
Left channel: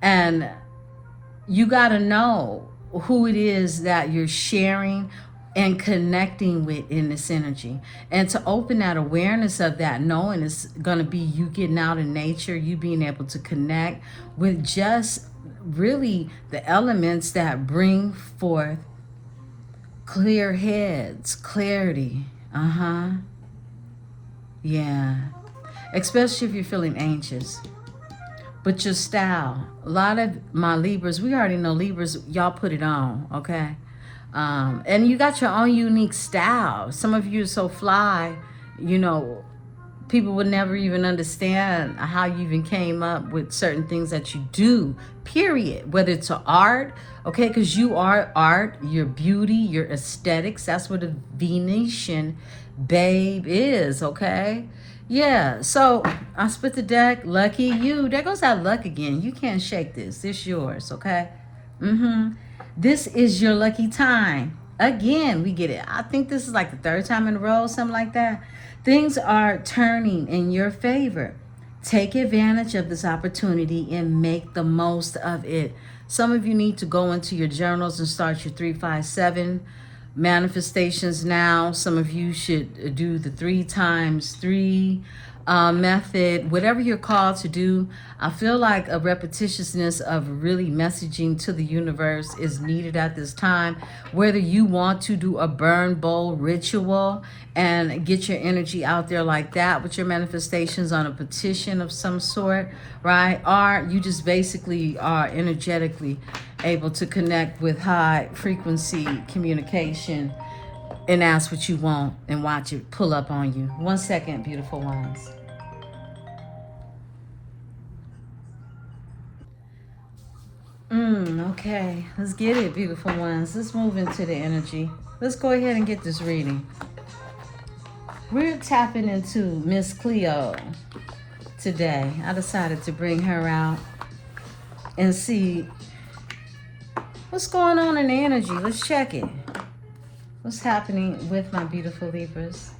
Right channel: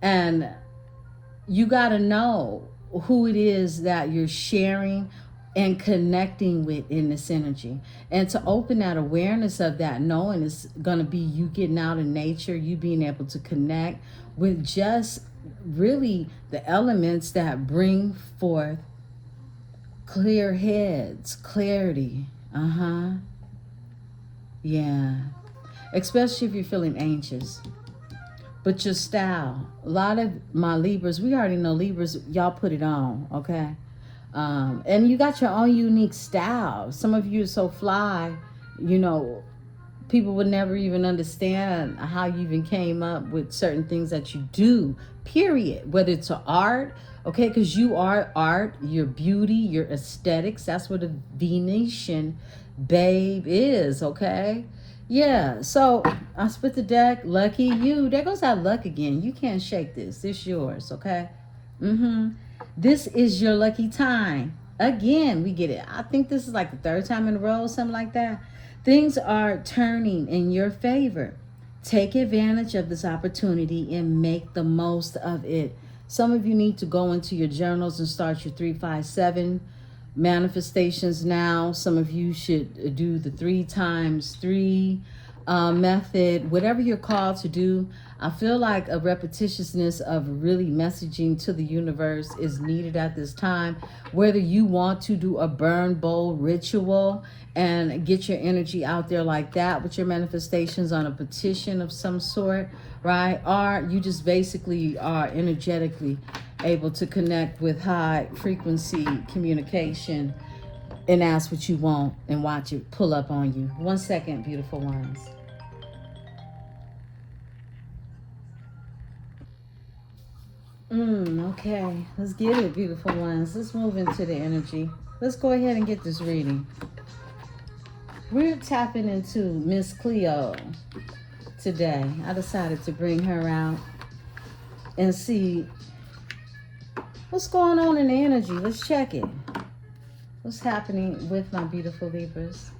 And you got to know who it is that you're sharing and connecting with in this energy. And to open that awareness of that, knowing it's going to be you getting out in nature, you being able to connect with just really the elements that bring forth clear heads, clarity. Yeah. Especially if you're feeling anxious. But your style, a lot of my Libras, we already know Libras, y'all put it on, okay? And you got your own unique style. Some of you are so fly, people would never even understand how you even came up with certain things that you do, period. Whether it's art, okay, because you are art, your beauty, your aesthetics, that's what a Venetian babe is, okay? Yeah, so I split the deck. Lucky you. There goes that luck again. You can't shake this. It's yours, okay? Mm-hmm. This is your lucky time. Again, we get it. I think this is like the third time in a row, something like that. Things are turning in your favor. Take advantage of this opportunity and make the most of it. Some of you need to go into your journals and start your 357 manifestations now. Some of you should do the 3 times 3 method, whatever you're called to do. I feel like a repetitiousness of really messaging to the universe is needed at this time. Whether you want to do a burn bowl ritual and get your energy out there like that with your manifestations on a petition of some sort, right? Or you just basically are energetically able to connect with high frequency communication and ask what you want and watch it pull up on you. 1 second, beautiful ones. Okay, let's get it, beautiful ones. Let's move into the energy. Let's go ahead and get this reading. We're tapping into Miss Cleo today. I decided to bring her out and see what's going on in the energy. Let's check it. What's happening with my beautiful Libras?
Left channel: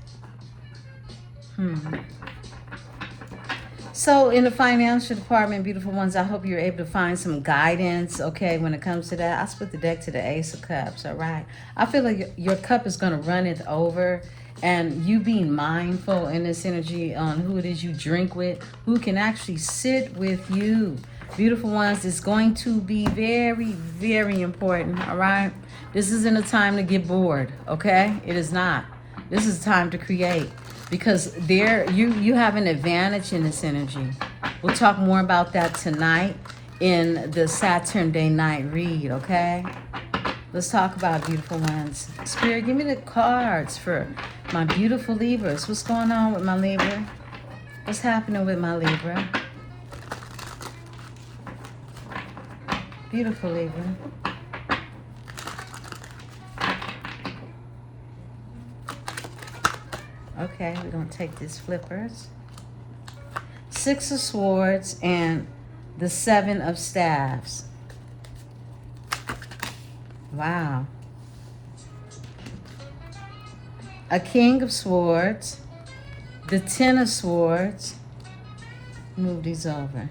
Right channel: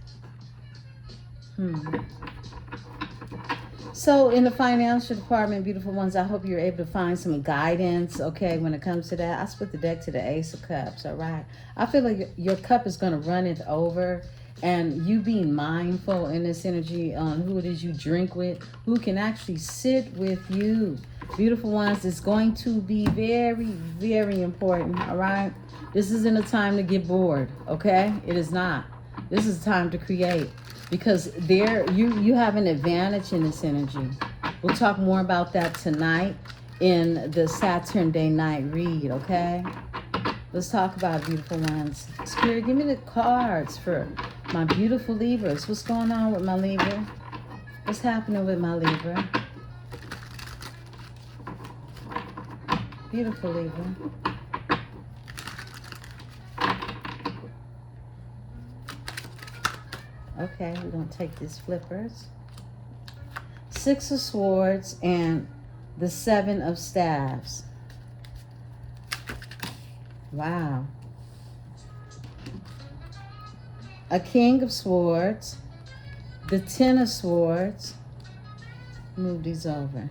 So in the financial department, beautiful ones, I hope you're able to find some guidance, okay, when it comes to that. I split the deck to the Ace of Cups, all right? I feel like your cup is going to run it over, and you being mindful in this energy on who it is you drink with, who can actually sit with you. Beautiful ones, it's going to be very, very important, all right? This isn't a time to get bored, okay? It is not. This is time to create, because there you have an advantage in this energy. We'll talk more about that tonight in the Saturn Day night read, okay? Let's talk about beautiful ones. Spirit, give me the cards for my beautiful Libras. What's going on with my Libra? What's happening with my Libra? Beautiful Libra. Okay, we're going to take these flippers. 6 of Swords and the 7 of Staves. Wow. A King of Swords. The 10 of Swords. Move these over.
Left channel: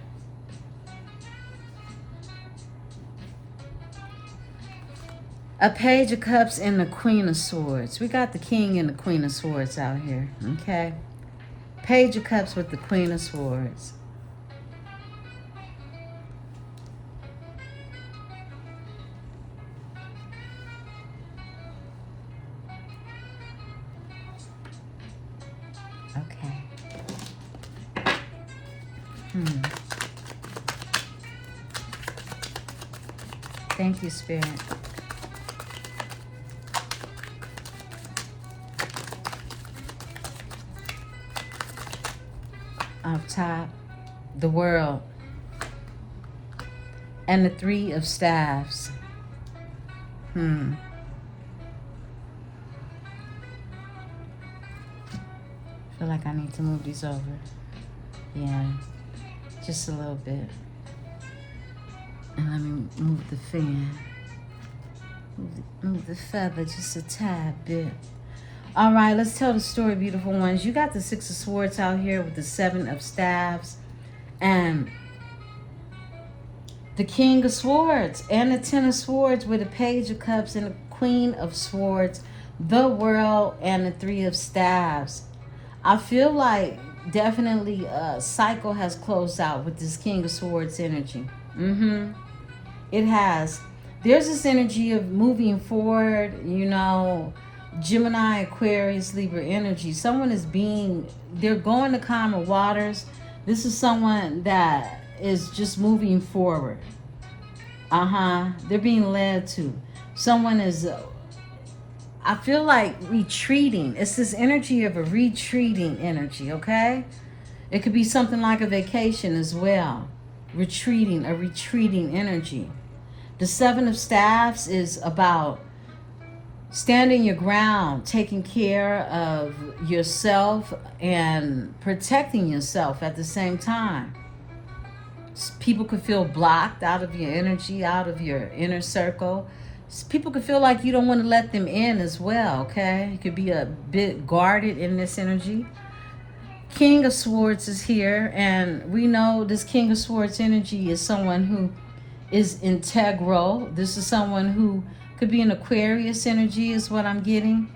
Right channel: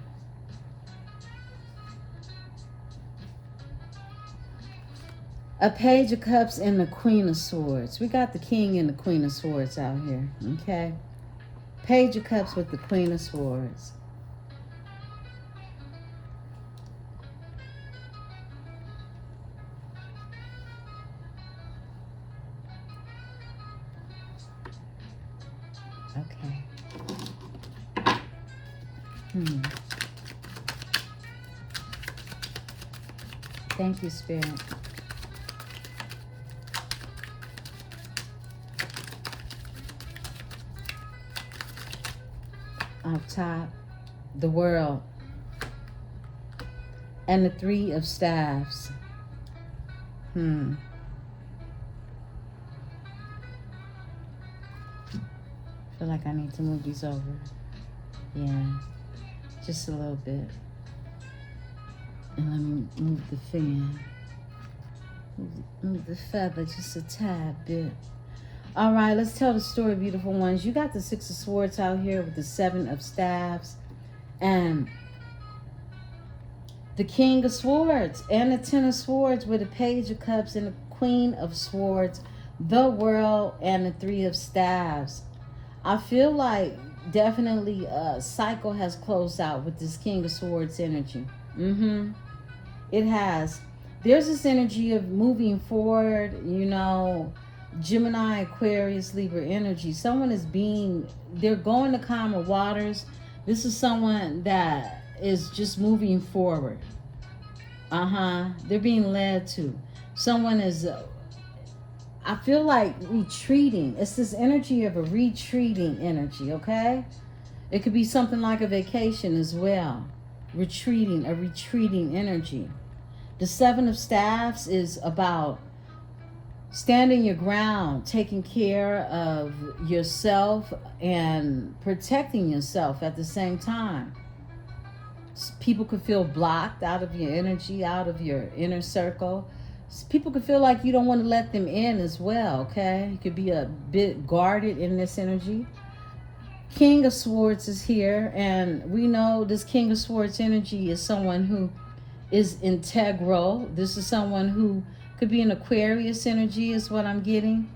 A Page of Cups and the Queen of Swords. We got the King and the Queen of Swords out here, okay? Page of Cups with the Queen of Swords. Okay. Thank you, Spirit. Up top, the World and the 3 of Staves. Feel like I need to move these over. Yeah, just a little bit. And let me move the fan. Move the feather just a tad bit. All right, let's tell the story, beautiful ones. You got the 6 of Swords out here with the 7 of Staves and the King of Swords and the 10 of Swords with the Page of Cups and the Queen of Swords, the World and the 3 of Staves. I feel like definitely a cycle has closed out with this King of Swords energy. It has. There's this energy of moving forward, you know, Gemini, Aquarius, Libra energy. Someone is they're going to calmer waters. This is someone that is just moving forward. They're being led to. Someone is, I feel like retreating. It's this energy of a retreating energy, okay? It could be something like a vacation as well. A retreating energy. The 7 of Staves is about Standing your ground, taking care of yourself and protecting yourself at the same time. People could feel blocked out of your energy, out of your inner circle. People could feel like you don't want to let them in as well, okay? You could be a bit guarded in this energy. King of Swords is here, and we know this King of Swords energy is someone who is integral. This is someone who could be an Aquarius energy is what I'm getting.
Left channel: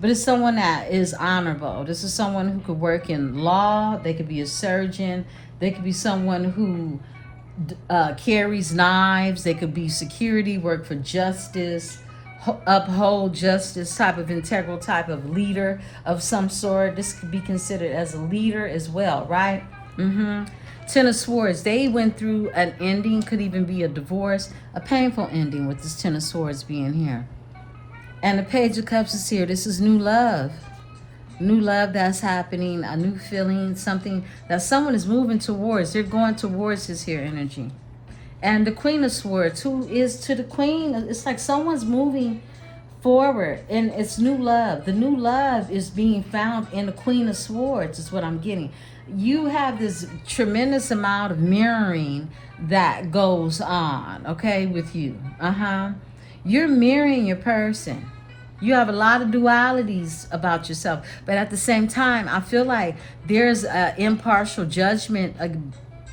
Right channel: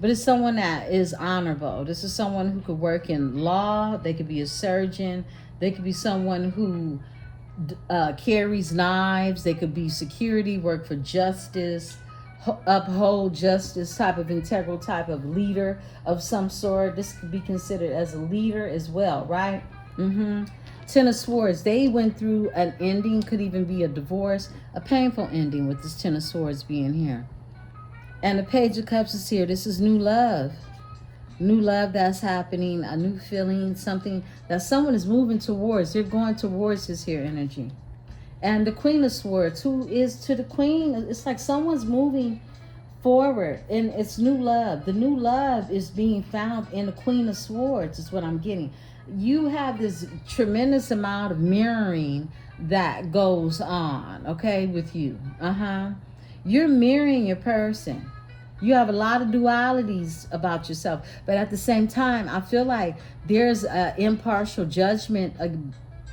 But it's someone that is honorable. This is someone who could work in law. They could be a surgeon. They could be someone who carries knives. They could be security, work for justice, uphold justice, type of integral type of leader of some sort. This could be considered as a leader as well, right? Ten of Swords, they went through an ending, could even be a divorce, a painful ending with this Ten of Swords being here. And the Page of Cups is here. This is new love. New love that's happening, a new feeling, something that someone is moving towards. They're going towards this here energy. And the Queen of Swords, who is to the Queen, it's like someone's moving forward, and it's new love. The new love is being found in the Queen of Swords, is what I'm getting. You have this tremendous amount of mirroring that goes on, okay, with you. You're mirroring your person. You have a lot of dualities about yourself, but at the same time, I feel like there's an impartial judgment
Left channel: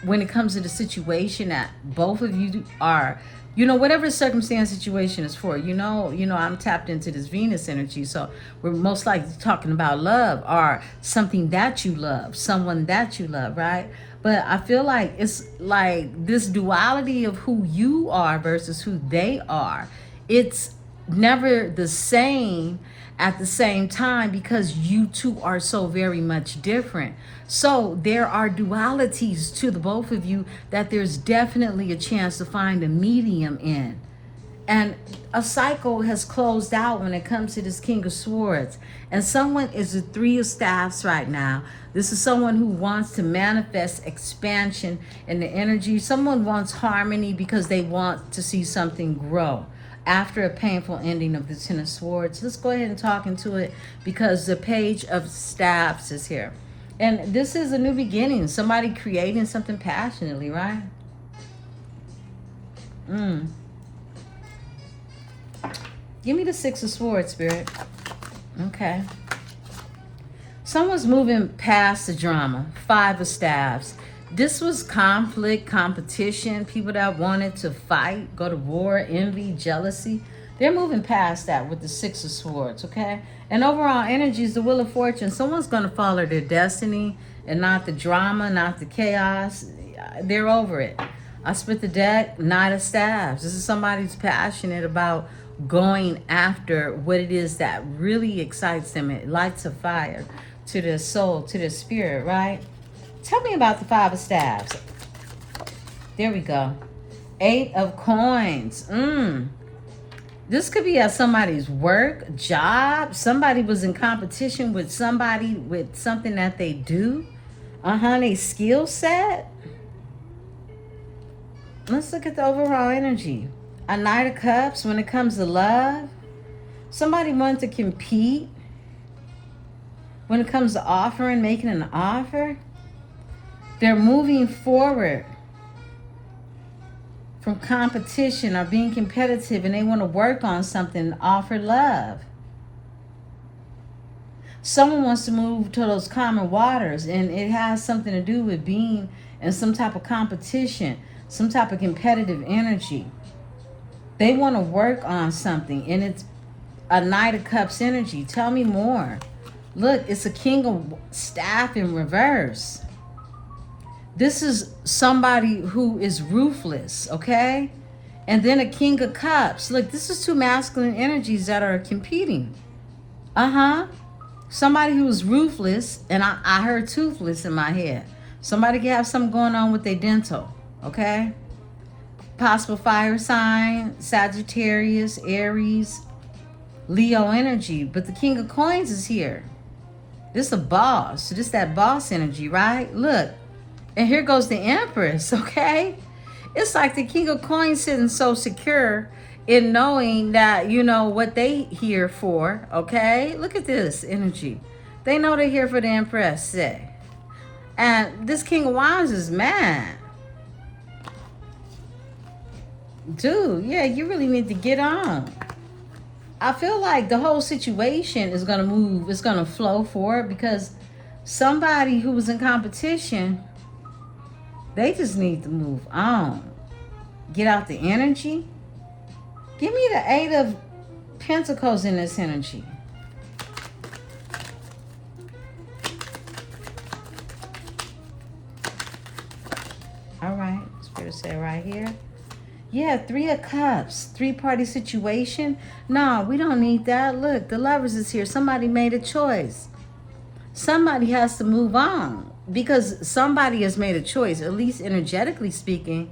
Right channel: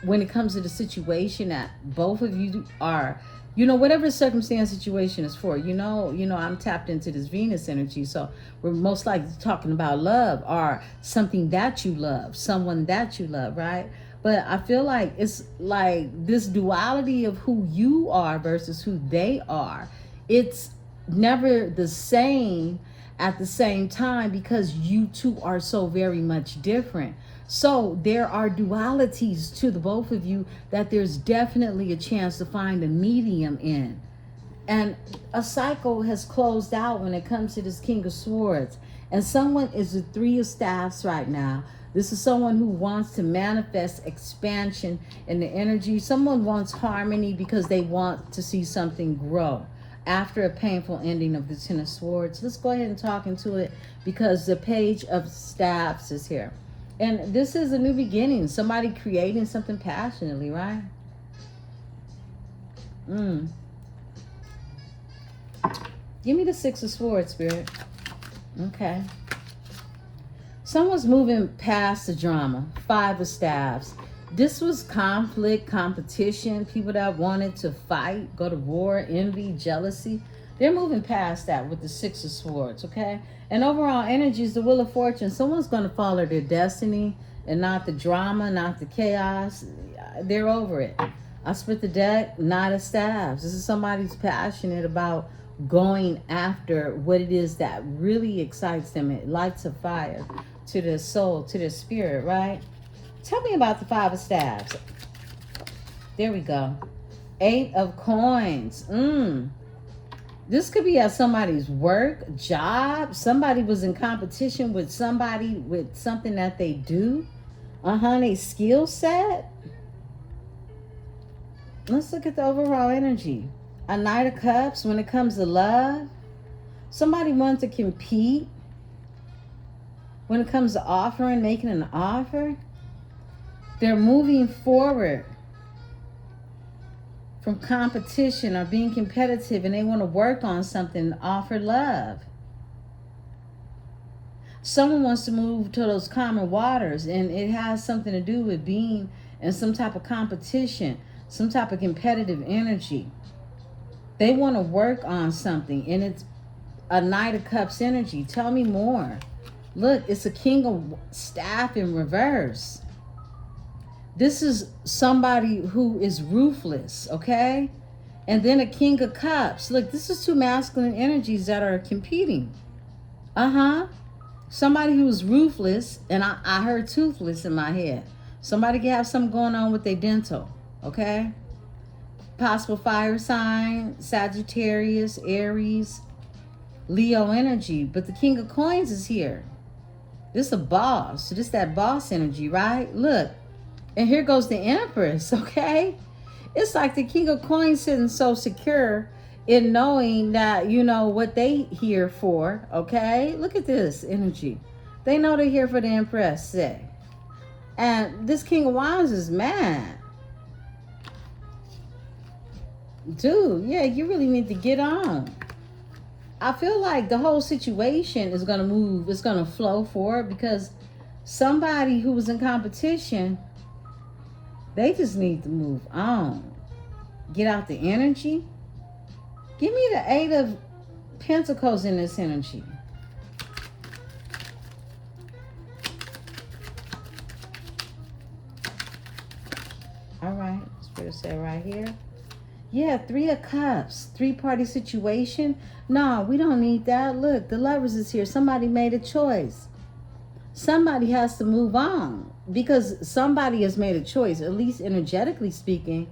when it comes to the situation that both of you are, whatever the circumstance situation is for, I'm tapped into this Venus energy, so we're most likely talking about love or something that you love, someone that you love, right? But I feel like it's like this duality of who you are versus who they are. It's never the same at the same time because you two are so very much different. So there are dualities to the both of you that there's definitely a chance to find a medium in. And a cycle has closed out when it comes to this King of Swords. And someone is the Three of Staffs right now. This is someone who wants to manifest expansion in the energy. Someone wants harmony because they want to see something grow after a painful ending of the Ten of Swords. Let's go ahead and talk into it because the Page of Staffs is here. And this is a new beginning. Somebody creating something passionately, right? Give me the Six of Swords, Spirit. Okay. Someone's moving past the drama. Five of Staffs. This was conflict, competition, people that wanted to fight, go to war, envy, jealousy. They're moving past that with the Six of Swords, okay? And overall energy is the Wheel of Fortune. Someone's going to follow their destiny and not the drama, not the chaos. They're over it. I split the deck, Knight of Staffs. This is somebody who's passionate about going after what it is that really excites them. It lights a fire to their soul, to their spirit, right? Tell me about the Five of Staffs. There we go. Eight of Coins. This could be at somebody's work, job. Somebody was in competition with somebody with something that they do. They skill set. Let's look at the overall energy. A Knight of Cups when it comes to love. Somebody wants to compete when it comes to offering, making an offer. They're moving forward from competition or being competitive, and they want to work on something, offer love. Someone wants to move to those calmer waters, and it has something to do with being in some type of competition, some type of competitive energy. They want to work on something, and it's a Knight of Cups energy. Tell me more. Look, it's a King of Staff in reverse. This is somebody who is ruthless, okay? And then a King of Cups. Look, this is two masculine energies that are competing. Somebody who's ruthless, and I heard toothless in my head. Somebody can have something going on with their dental, okay? Possible fire sign, Sagittarius, Aries, Leo energy. But the King of Coins is here. This is a boss. So this is that boss energy, right? Look. And here goes the Empress, okay? It's like the King of Coins sitting so secure in knowing that, you know, what they here for, okay? Look at this energy. They know they're here for the Empresse. And this King of Wands is mad. Dude, yeah, you really need to get on. I feel like the whole situation is going to move, it's going to flow forward because somebody who was in competition, they just need to move on. Get out the energy. Give me the Eight of Pentacles in this energy. All right, Spirit said right here. Yeah, Three of Cups, three-party situation. No, we don't need that. Look, the Lovers is here. Somebody made a choice. Somebody has to move on because somebody has made a choice, at least energetically speaking.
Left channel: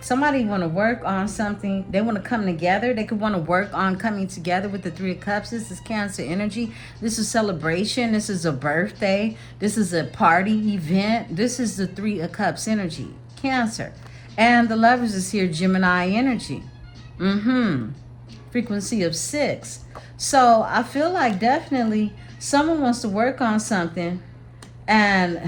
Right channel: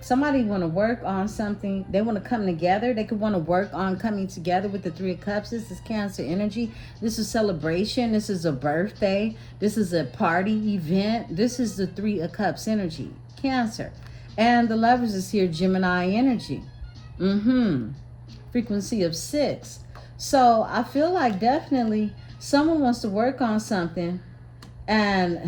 Somebody want to work on something. They want to come together. They could want to work on coming together with the Three of Cups. This is Cancer energy. This is celebration. This is a birthday. This is a party event. This is the Three of Cups energy, Cancer. And the Lovers is here, Gemini energy. Frequency of 6. So I feel like definitely someone wants to work on something and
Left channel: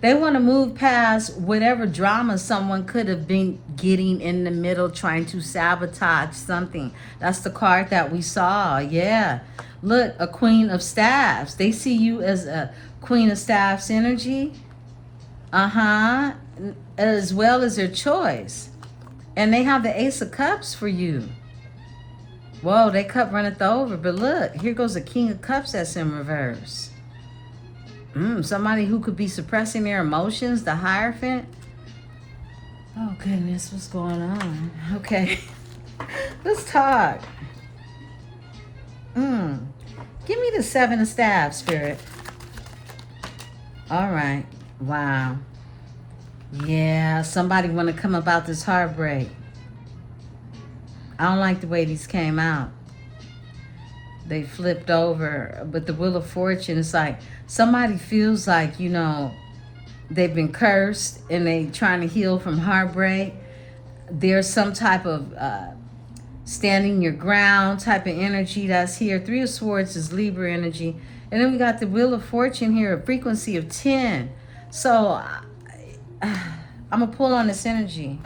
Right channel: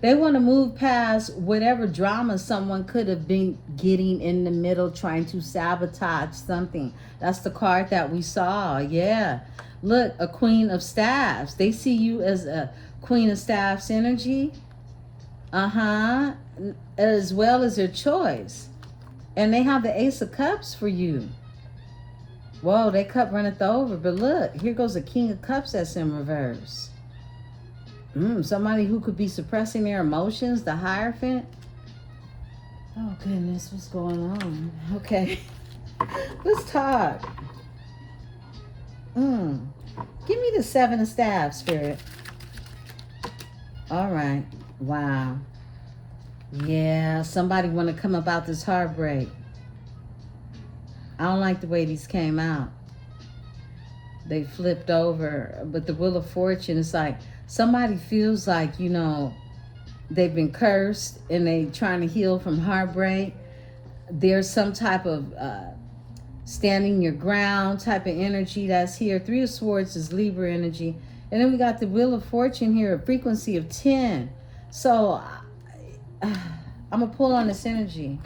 they want to move past whatever drama someone could have been getting in the middle, trying to sabotage something. That's the card that we saw. Yeah. Look, a Queen of Staffs. They see you as a Queen of Staffs energy. As well as their choice. And they have the Ace of Cups for you. Whoa, they cup runneth over. But look, here goes the King of Cups that's in reverse. Somebody who could be suppressing their emotions, the Hierophant. Oh, goodness, what's going on? Okay, let's talk. Give me the Seven of Staffs, Spirit. All right, wow. Yeah, somebody want to come about this heartbreak. I don't like the way these came out. They flipped over, but the Wheel of Fortune, it's like somebody feels like, you know, they've been cursed and they trying to heal from heartbreak. There's some type of standing your ground type of energy that's here. Three of Swords is Libra energy. And then we got the Wheel of Fortune here, a frequency of 10. So I'm going to pull on this energy.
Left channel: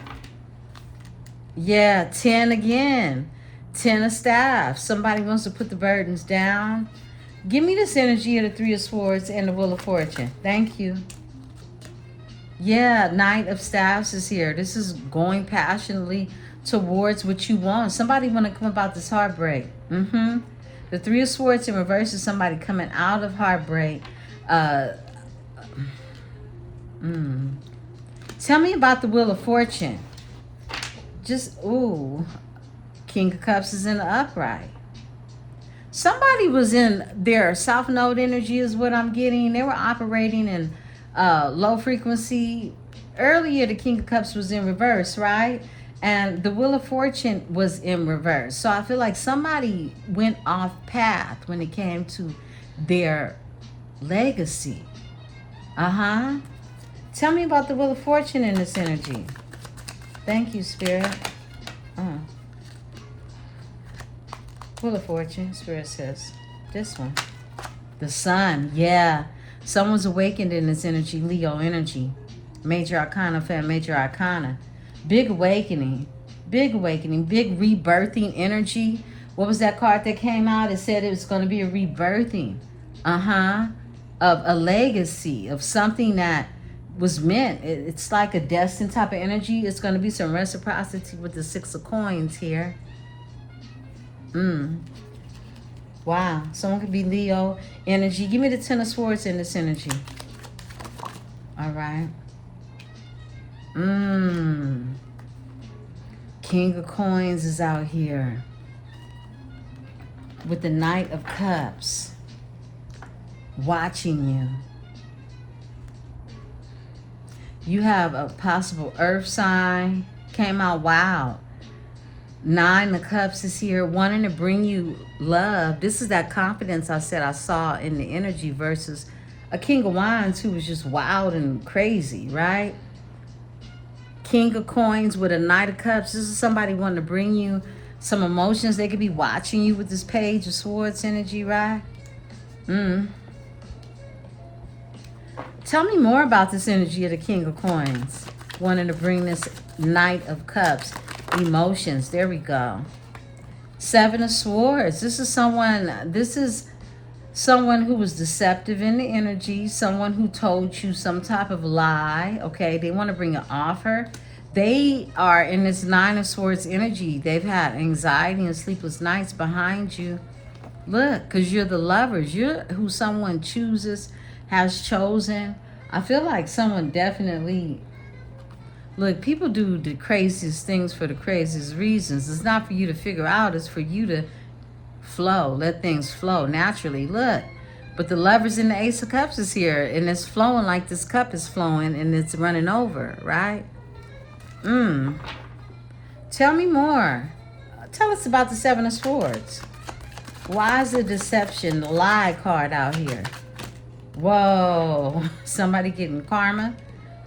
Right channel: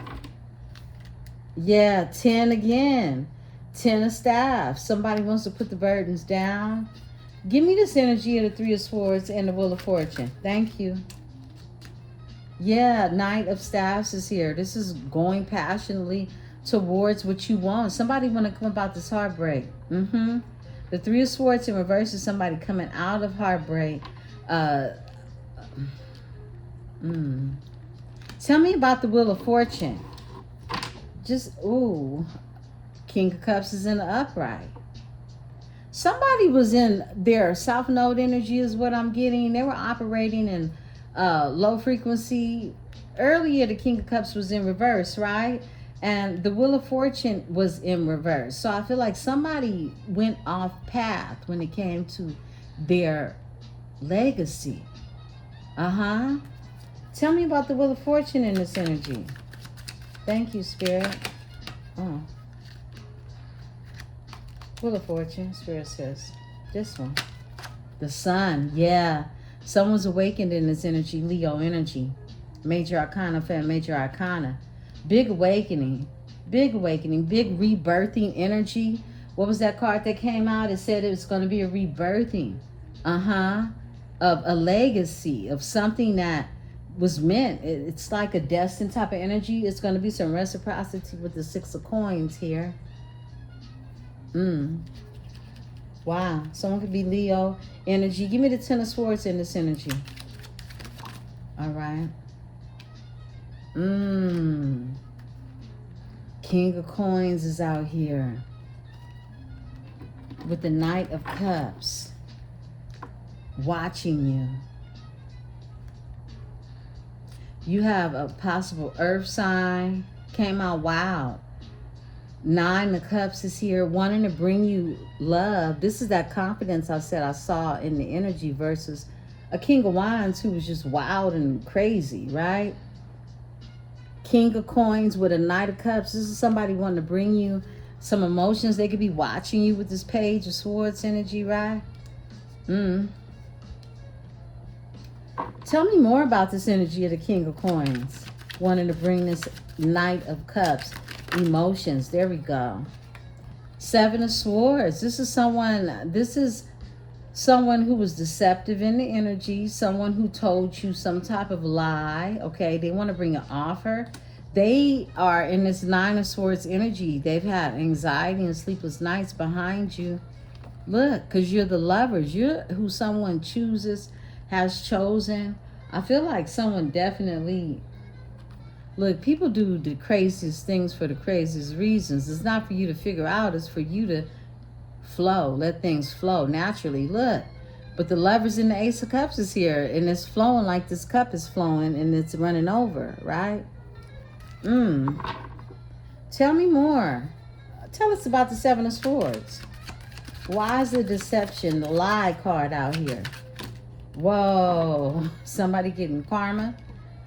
Yeah, 10 again. 10 of Staffs. Somebody wants to put the burdens down. Give me this energy of the Three of Swords and the Wheel of Fortune. Thank you. Yeah, Knight of Staffs is here. This is going passionately towards what you want. Somebody want to come about this heartbreak. The Three of Swords in reverse is somebody coming out of heartbreak. Tell me about the Wheel of Fortune. King of Cups is in the upright. Somebody was in their South Node energy is what I'm getting. They were operating in low frequency. Earlier, the King of Cups was in reverse, right? And the Wheel of Fortune was in reverse. So I feel like somebody went off path when it came to their legacy. Tell me about the Wheel of Fortune in this energy. Thank you, Spirit. Wheel of Fortune, Spirit says. This one. The Sun, yeah. Someone's awakened in this energy, Leo energy. Major Arcana, fan, Major Arcana. Big awakening, big rebirthing energy. What was that card that came out? It said it was going to be a rebirthing. Of a legacy, of something that was meant. It's like a destined type of energy. It's going to be some reciprocity with the Six of Coins here. Wow. Someone could be Leo energy. Give me the Ten of Swords in this energy. All right. King of Coins is out here with the Knight of Cups watching you. You have a possible earth sign came out. Wow. Nine of Cups is here wanting to bring you love. This is that confidence I said I saw in the energy versus a King of Wands who was just wild and crazy, right? King of Coins with a Knight of Cups. This is somebody wanting to bring you some emotions. They could be watching you with this Page of Swords energy, right? Tell me more about this energy of the King of Coins. Wanting to bring this Knight of Cups. Emotions. There we go. Seven of Swords. This is someone who was deceptive in the energy. Someone who told you some type of lie. Okay. They want to bring an offer. They are in this Nine of Swords energy. They've had anxiety and sleepless nights behind you. Look, because you're the lovers. You're who someone chooses, has chosen. I feel like someone definitely... Look, people do the craziest things for the craziest reasons. It's not for you to figure out. It's for you to flow. Let things flow naturally. Look. But the Lovers in the Ace of Cups is here. And it's flowing like this cup is flowing. And it's running over. Right? Tell me more. Tell us about the Seven of Swords. Why is the deception, the lie card out here? Whoa. Somebody getting karma.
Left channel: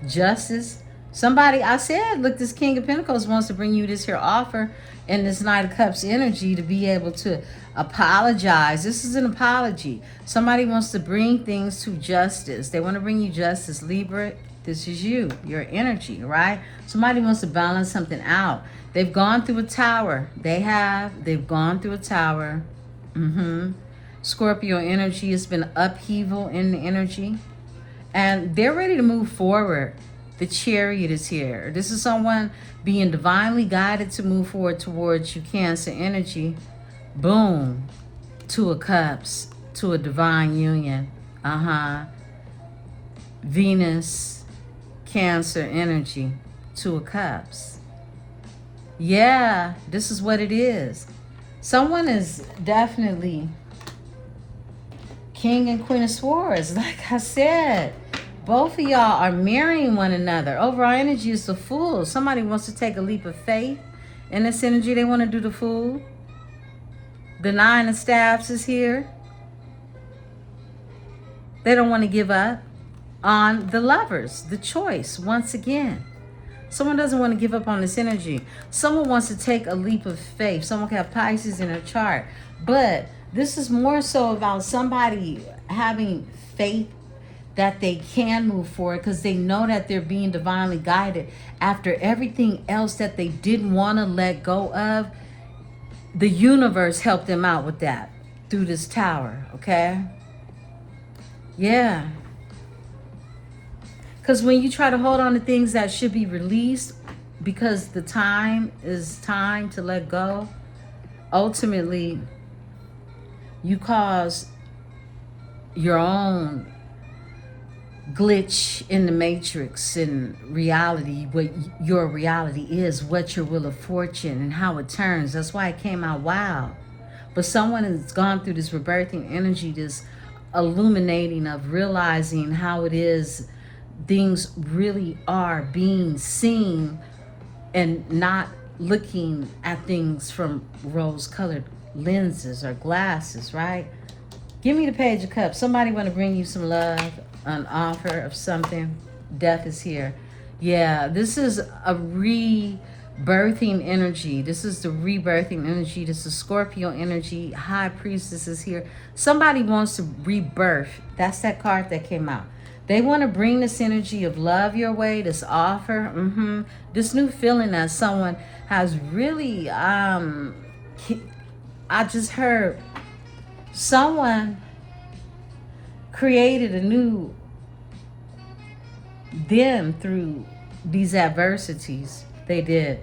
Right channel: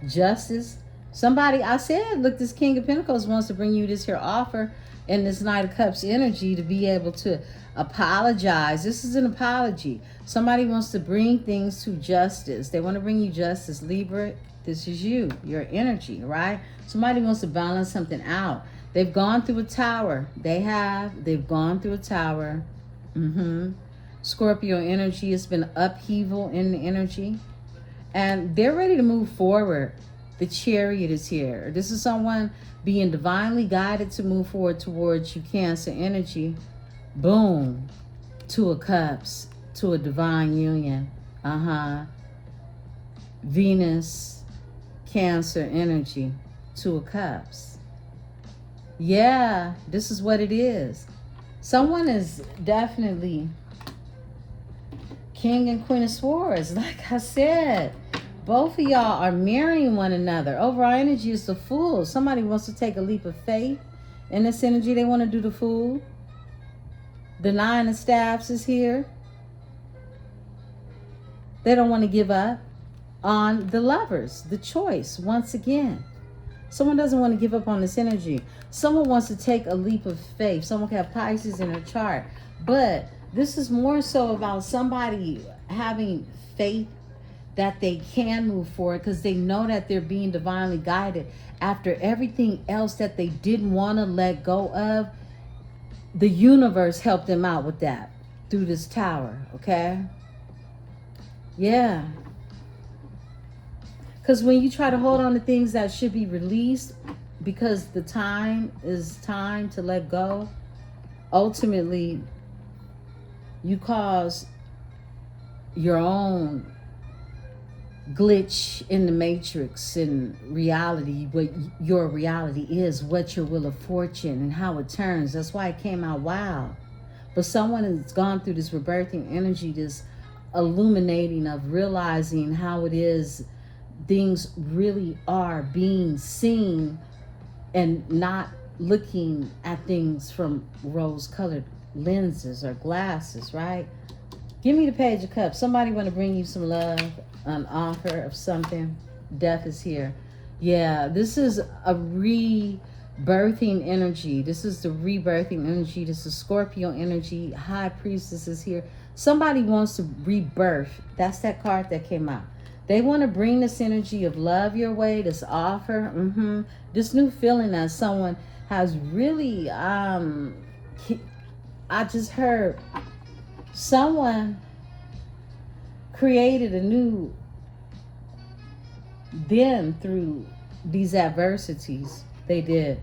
Justice. Somebody, I said, look, this King of Pentacles wants to bring you this here offer and this Knight of Cups energy to be able to apologize. This is an apology. Somebody wants to bring things to justice. They want to bring you justice. Libra, this is you, your energy, right? Somebody wants to balance something out. They've gone through a tower. They've gone through a tower. Scorpio energy has been upheaval in the energy. And they're ready to move forward. The Chariot is here. This is someone being divinely guided to move forward towards you, Cancer energy. Boom. Two of Cups. To a divine union. Venus, Cancer energy. Two of Cups. Yeah, this is what it is. Someone is definitely King and Queen of Swords. Like I said, both of y'all are marrying one another. Overall energy is the Fool. Somebody wants to take a leap of faith. In this energy, they want to do the Fool. The Nine of Staves is here. They don't want to give up on the Lovers, the choice, once again. Someone doesn't want to give up on this energy. Someone wants to take a leap of faith. Someone can have Pisces in their chart. But this is more so about somebody having faith that they can move forward because they know that they're being divinely guided. After everything else that they didn't want to let go of, the universe helped them out with that through this tower, okay? Yeah. Because when you try to hold on to things that should be released because the time is time to let go, ultimately you cause your own glitch in the matrix in reality, what your reality is, what your wheel of fortune and how it turns. That's why it came out wild. But someone has gone through this rebirthing energy, this illuminating of realizing how it is things really are being seen and not looking at things from rose-colored lenses or glasses, right? Give me the Page of Cups. Somebody want to bring you some love, an offer of something. Death is here. Yeah, this is a rebirthing energy. This is the rebirthing energy. This is Scorpio energy. High Priestess is here. Somebody wants to rebirth. That's that card that came out. They want to bring this energy of love your way, this offer, this new feeling that someone has really, I just heard someone created a new them through these adversities. They did.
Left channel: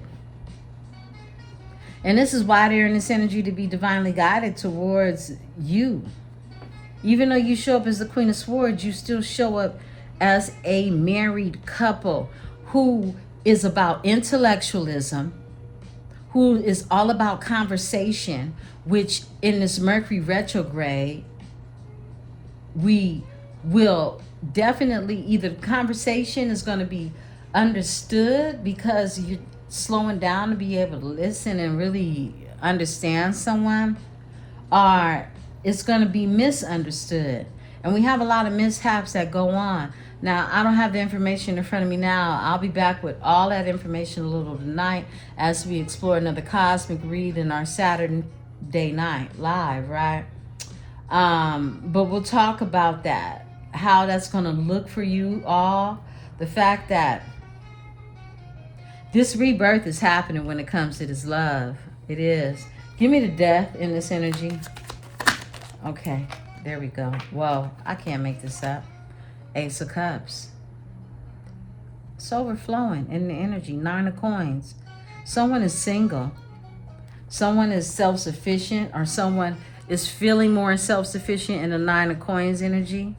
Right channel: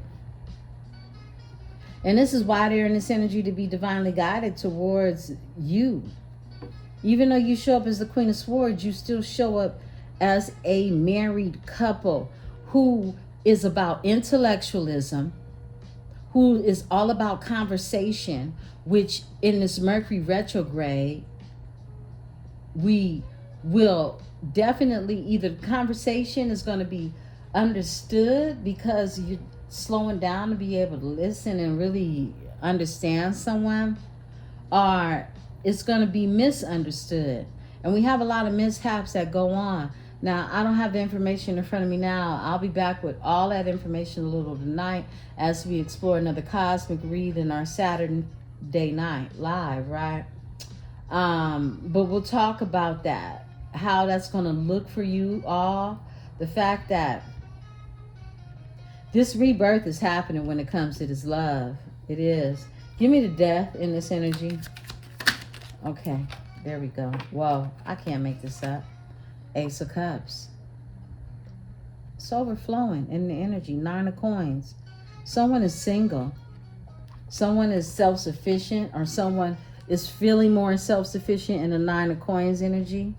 And this is why they're in this energy, to be divinely guided towards you. Even though you show up as the Queen of Swords, you still show up as a married couple who is about intellectualism, who is all about conversation, which in this Mercury retrograde, we will definitely, either the conversation is going to be understood because you're slowing down to be able to listen and really understand someone, or it's going to be misunderstood. And we have a lot of mishaps that go on. Now, I don't have the information in front of me now. I'll be back with all that information a little tonight as we explore another cosmic read in our Saturday night live, right? But we'll talk about that, how that's going to look for you all. The fact that this rebirth is happening when it comes to this love. It is. Give me the death in this energy. Okay, there we go. Whoa, I can't make this up. Ace of Cups. It's overflowing in the energy. 9 of Coins. Someone is single. Someone is self-sufficient, or someone is feeling more self-sufficient in the 9 of Coins energy.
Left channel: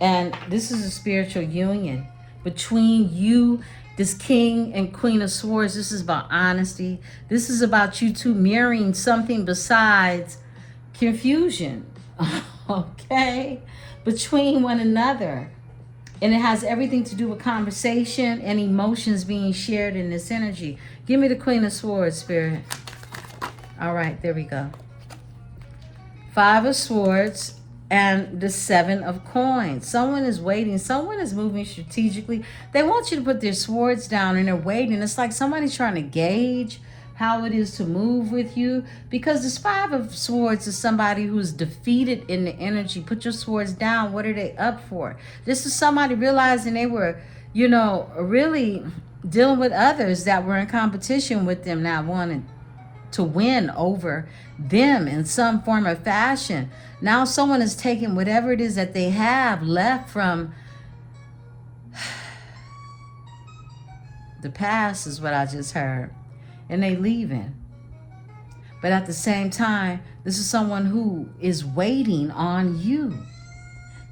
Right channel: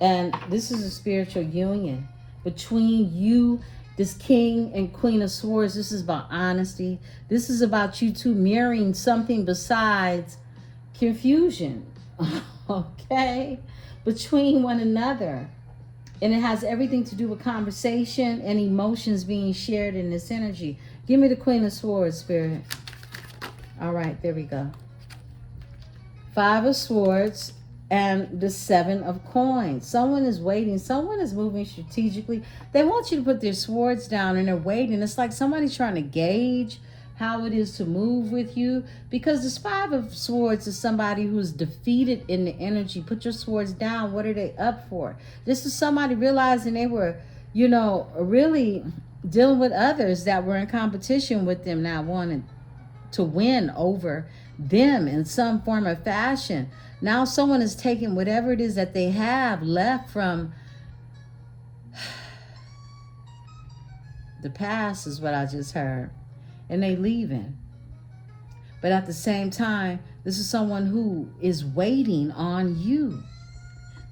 And this is a spiritual union between you, this King and Queen of Swords. This is about honesty. This is about you two mirroring something besides confusion. Okay? Between one another. And it has everything to do with conversation and emotions being shared in this energy. Give me the Queen of Swords, Spirit. All right, there we go. 5 of Swords and the 7 of Coins. Someone is waiting. Someone is moving strategically. They want you to put their swords down and they're waiting. It's like somebody's trying to gauge how it is to move with you, because this 5 of Swords is somebody who's defeated in the energy. Put your swords down. What are they up for? This is somebody realizing they were, you know, really dealing with others that were in competition with them, now wanting to win over them in some form or fashion. Now someone is taking whatever it is that they have left from the past, is what I just heard, and they leaving. But at the same time, this is someone who is waiting on you.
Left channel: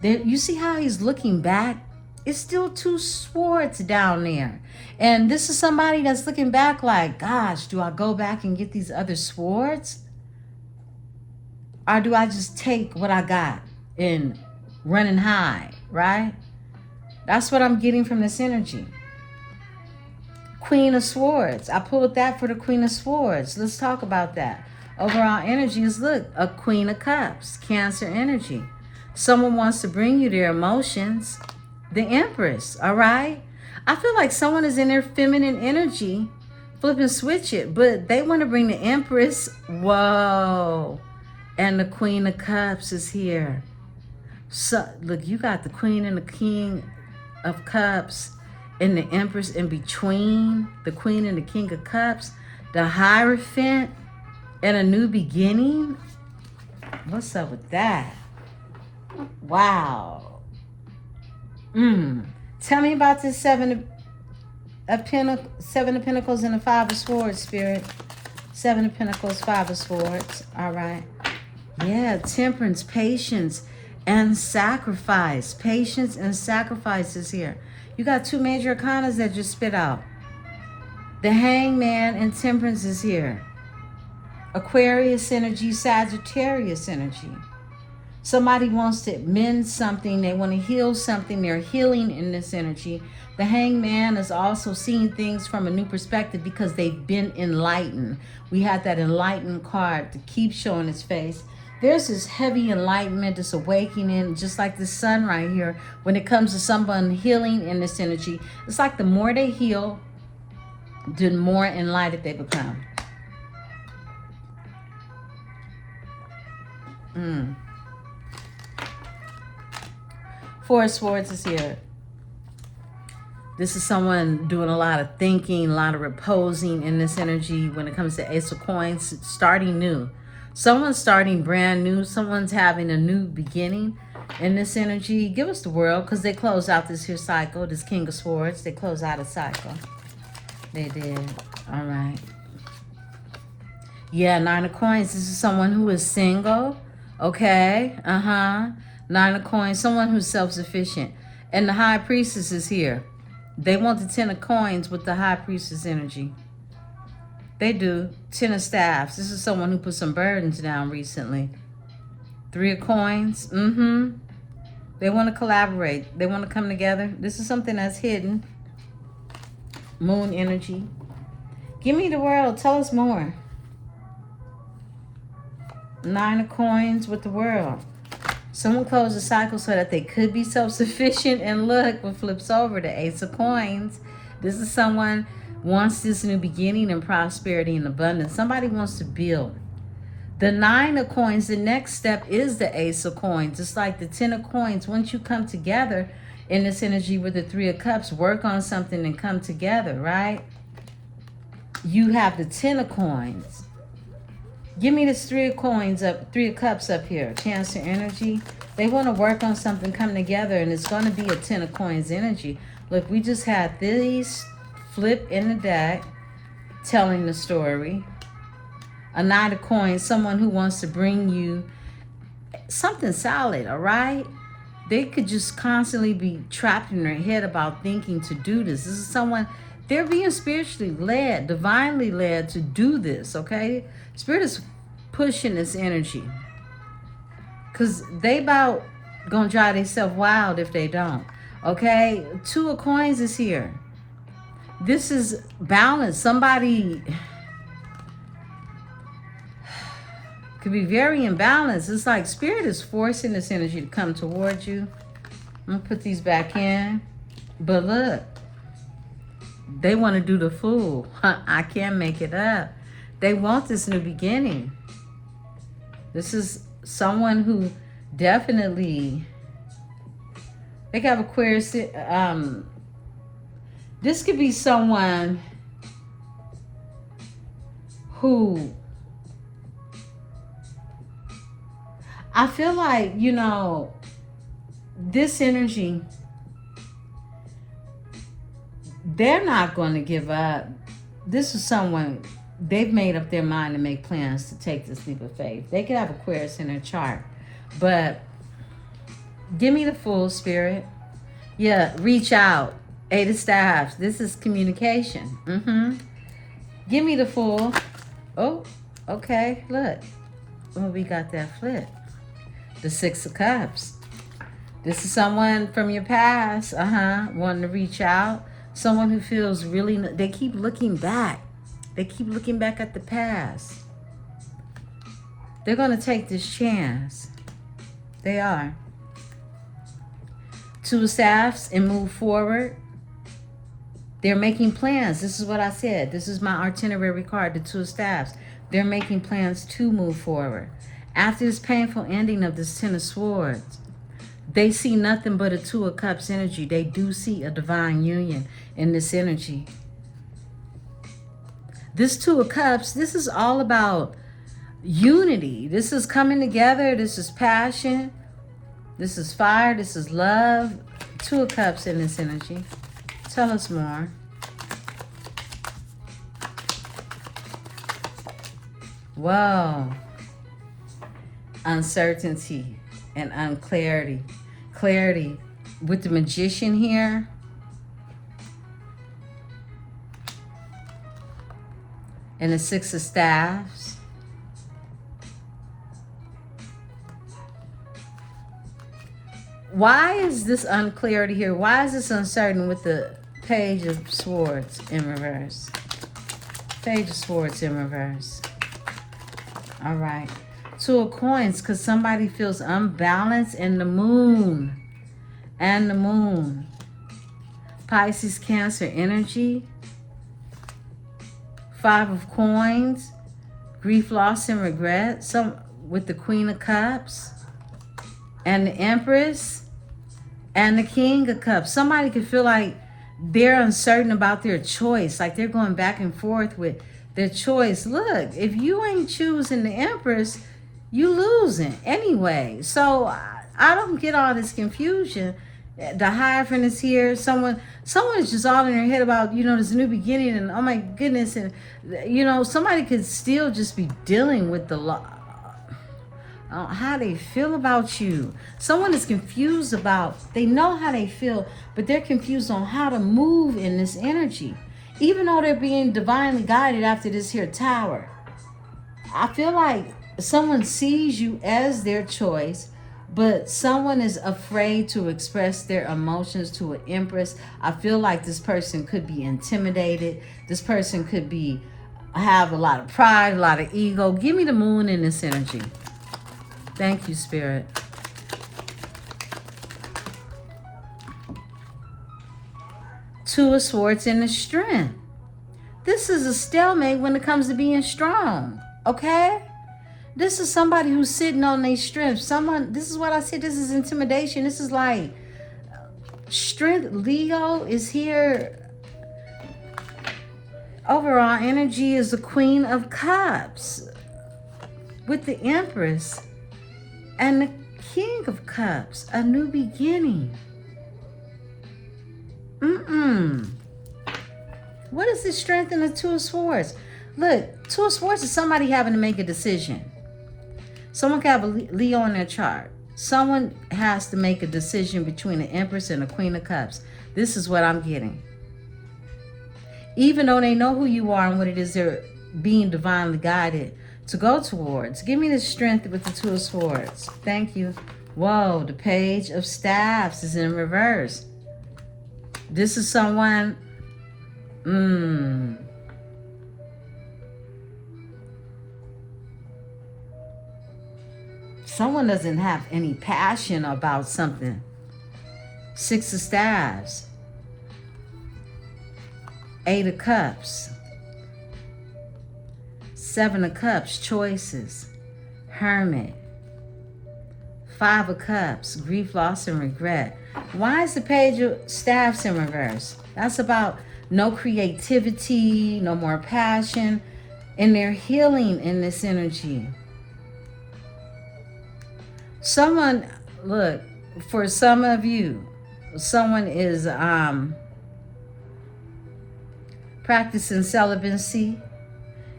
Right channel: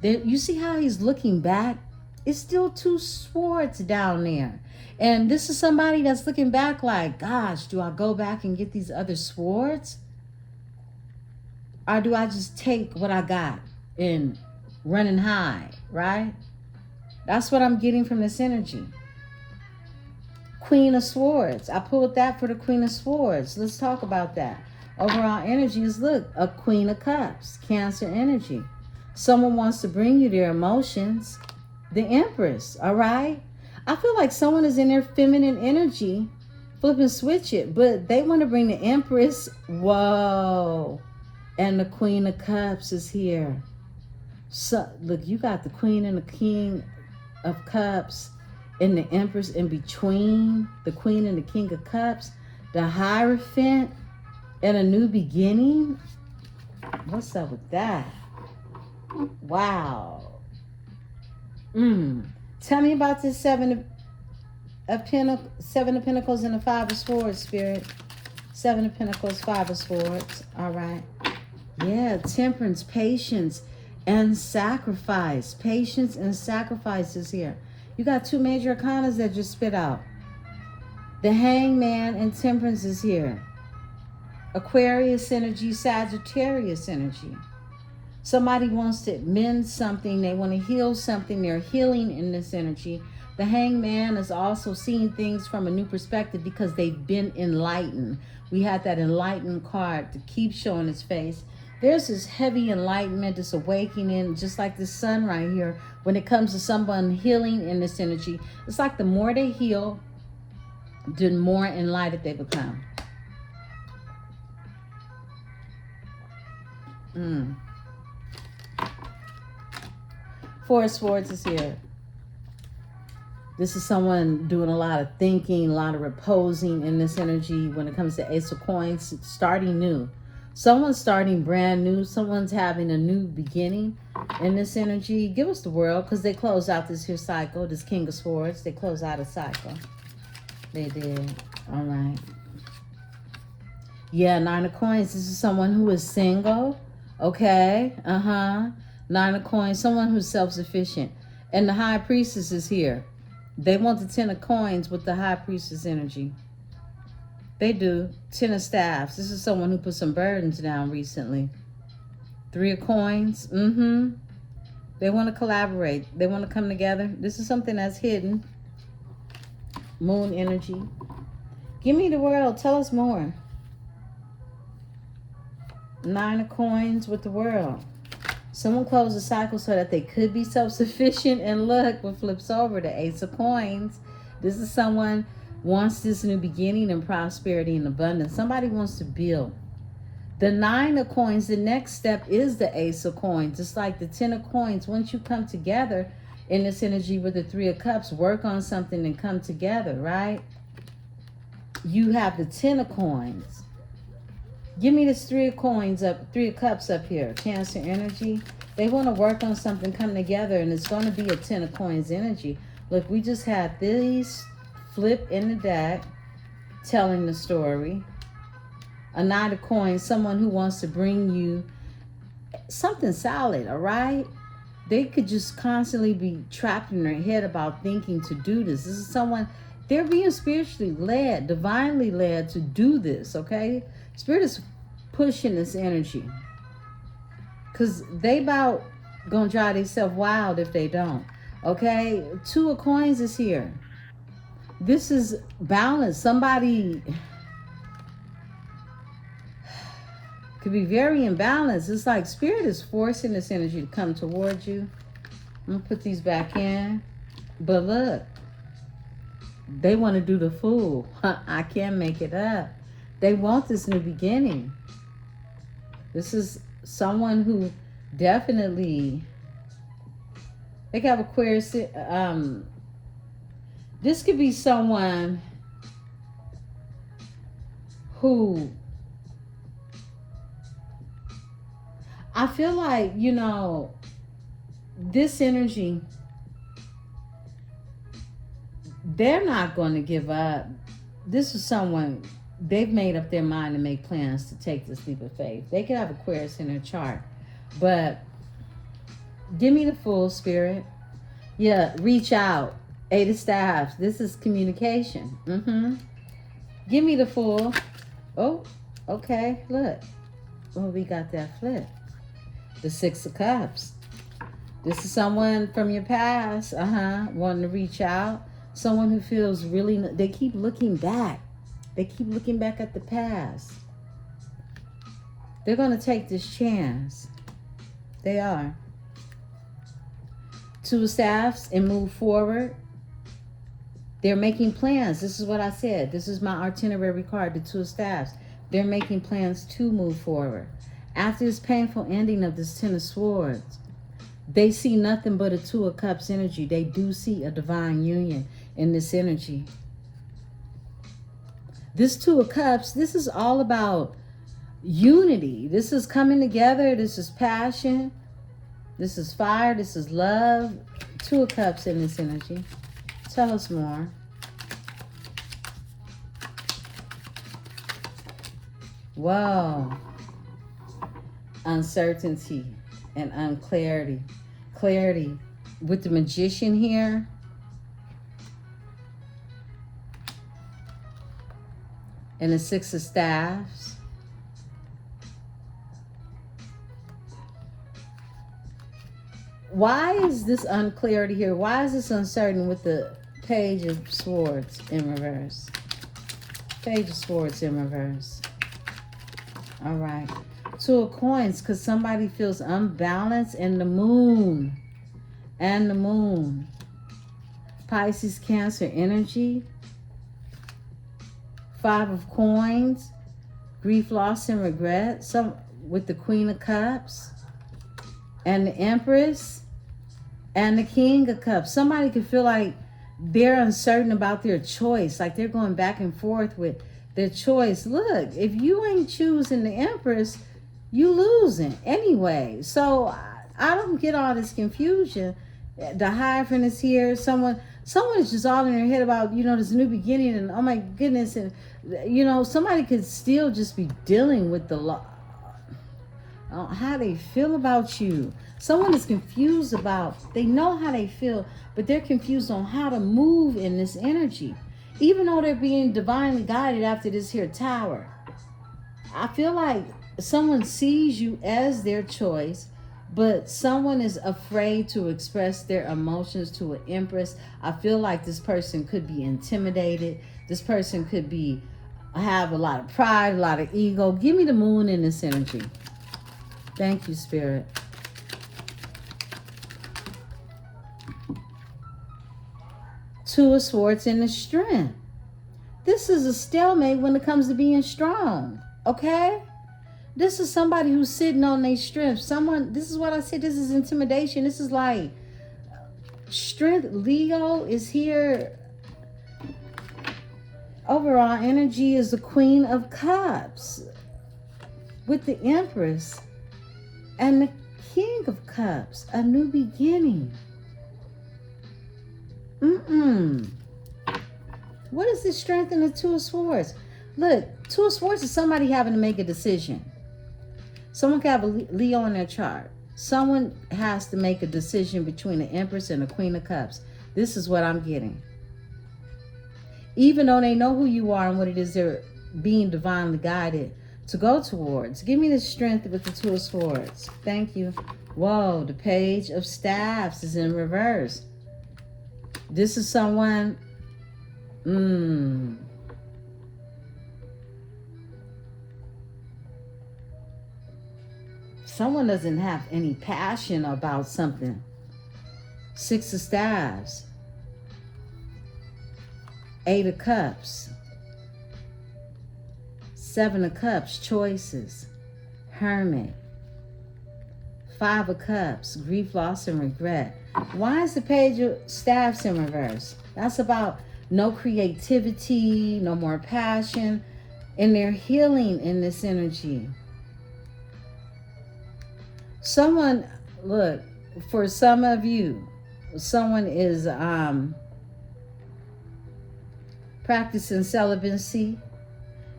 You see how he's looking back? It's still 2 swords down there. And this is somebody that's looking back like, gosh, do I go back and get these other swords? Or do I just take what I got and run and hide, right? That's what I'm getting from this energy. Queen of Swords. I pulled that for the Queen of Swords. Let's talk about that. Overall energy is, look, a Queen of Cups, Cancer energy. Someone wants to bring you their emotions. The Empress, all right? I feel like someone is in their feminine energy, flip and switch it, but they want to bring the Empress. Whoa. And the Queen of Cups is here. So, look, you got the Queen and the King of Cups and the Empress in between, the Queen and the King of Cups, the Hierophant, and a new beginning. What's up with that? Wow. Tell me about this 7 of Pentacles and the 5 of Swords, Spirit. 7 of Pentacles, 5 of Swords. All right. Yeah, temperance, patience, and sacrifice. Patience and sacrifice is here. You got 2 major arcanas that just spit out. The Hangman and Temperance is here. Aquarius energy, Sagittarius energy. Somebody wants to mend something. They want to heal something. They're healing in this energy. The Hangman is also seeing things from a new perspective because they've been enlightened. We had that enlightened card to keep showing its face. There's this heavy enlightenment, this awakening, just like the sun right here. When it comes to someone healing in this energy, it's like the more they heal, the more enlightened they become. Four of Swords is here. This is someone doing a lot of thinking, a lot of reposing in this energy when it comes to Ace of Coins, starting new. Someone's starting brand new. Someone's having a new beginning in this energy. Give us the world, because they closed out this here cycle, this King of Swords. They closed out a cycle. They did. All right. Yeah, 9 of Coins. This is someone who is single. Okay. 9 of Coins. Someone who's self-sufficient. And the High Priestess is here. They want the 10 of Coins with the High Priestess energy. They do. 10 of Staffs. This is someone who put some burdens down recently. 3 of Coins. They want to collaborate. They want to come together. This is something that's hidden. Moon energy. Give me the world. Tell us more. 9 of Coins with the world. Someone closed the cycle so that they could be self-sufficient. And look what flips over, the Ace of Coins. This is someone wants this new beginning and prosperity and abundance. Somebody wants to build. The Nine of Coins, the next step is the Ace of Coins. It's like the Ten of Coins. Once you come together in this energy with the Three of Cups, work on something and come together, right? You have the Ten of Coins. Give me this Three of Coins up, Three of Cups up here. Cancer energy. They want to work on something, come together, and it's going to be a Ten of Coins energy. Look, we just had these flip in the deck telling the story. A Knight of Coins, someone who wants to bring you something solid, all right? They could just constantly be trapped in their head about thinking to do this. This is someone, they're being spiritually led, divinely led to do this, okay? Spirit is pushing this energy. Because they about gonna drive themselves wild if they don't, okay? Two of Coins is here. This is balance. Somebody could be very imbalanced. It's like Spirit is forcing this energy to come towards you. I'm gonna put these back in. But look, they want to do the fool. I can't make it up. They want this new beginning. This is someone who definitely, they got Aquarius. This could be someone who, I feel like, you know, this energy, they're not going to give up. This is someone, they've made up their mind to make plans to take this leap of faith. They could have Aquarius in their chart, but give me the Fool, Spirit. Yeah, reach out. Eight of Staffs. This is communication. Give me the Fool. Oh, okay, look. Oh, we got that flip. The Six of Cups. This is someone from your past, wanting to reach out. Someone who feels really, they keep looking back. They keep looking back at the past. They're going to take this chance. They are. Two of Staffs and move forward. They're making plans. This is what I said. This is my itinerary card, the Two of Staffs. They're making plans to move forward. After this painful ending of this Ten of Swords, they see nothing but a Two of Cups energy. They do see a divine union in this energy. This Two of Cups, this is all about unity. This is coming together. This is passion. This is fire. This is love. Two of Cups in this energy. Tell us more. Whoa. Uncertainty and unclarity. Clarity with the Magician here. And the Six of Staffs. Why is this unclarity here? Why is this uncertain with the Page of Swords in reverse? Page of Swords in reverse. All right. Two of Coins, because somebody feels unbalanced, and the Moon. And the Moon. Pisces, Cancer energy. Five of Coins. Grief, loss, and regret. Some with the Queen of Cups. And the Empress. And the King of Cups. Somebody could feel like they're uncertain about their choice. Like they're going back and forth with their choice. Look, if you ain't choosing the Empress, you losing anyway. So I don't get all this confusion. The Hierophant is here. Someone is just all in their head about, you know, this new beginning, and oh my goodness, and you know, somebody could still just be dealing with the law. How they feel about you. Someone is confused about, they know how they feel, but they're confused on how to move in this energy. Even though they're being divinely guided after this here Tower. I feel like someone sees you as their choice, but someone is afraid to express their emotions to an Empress. I feel like this person could be intimidated. This person could be have a lot of pride, a lot of ego. Give me the Moon in this energy. Thank you, Spirit. Two of Swords in the strength. This is a stalemate when it comes to being strong, okay? This is somebody who's sitting on their strength. This is what I said, this is intimidation. This is like strength. Leo is here. Overall energy is the Queen of Cups with the Empress and the King of Cups, a new beginning. What is this strength in the Two of Swords? Look, Two of Swords is somebody having to make a decision. Someone can have a Leo in their chart. Someone has to make a decision between the Empress and the Queen of Cups. This is what I'm getting. Even though they know who you are and what it is they're being divinely guided to go towards. Give me the strength with the Two of Swords. Thank you. Whoa, the Page of Staffs is in reverse. This is someone... Someone doesn't have any passion about something. Six of Staffs. Eight of Cups. Seven of Cups, choices. Hermit. Five of Cups, grief, loss, and regret. Why is the Page of Staffs in reverse? That's about no creativity, no more passion, and they're healing in this energy. Someone, look, for some of you, someone is practicing celibacy,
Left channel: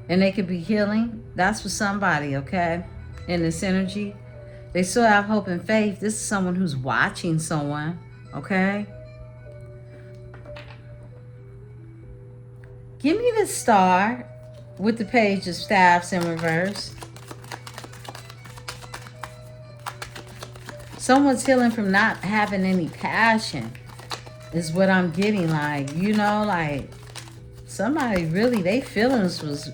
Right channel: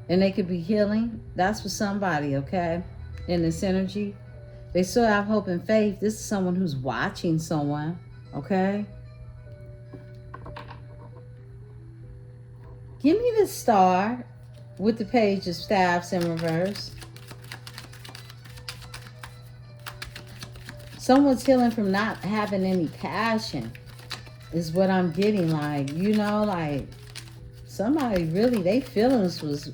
and they could be healing. That's for somebody, okay, in this energy. They still have hope and faith. This is someone who's watching someone, okay? Give me the Star with the Page of Staffs in reverse. Someone's healing from not having any passion is what I'm getting. Like, you know, like somebody really, their feelings was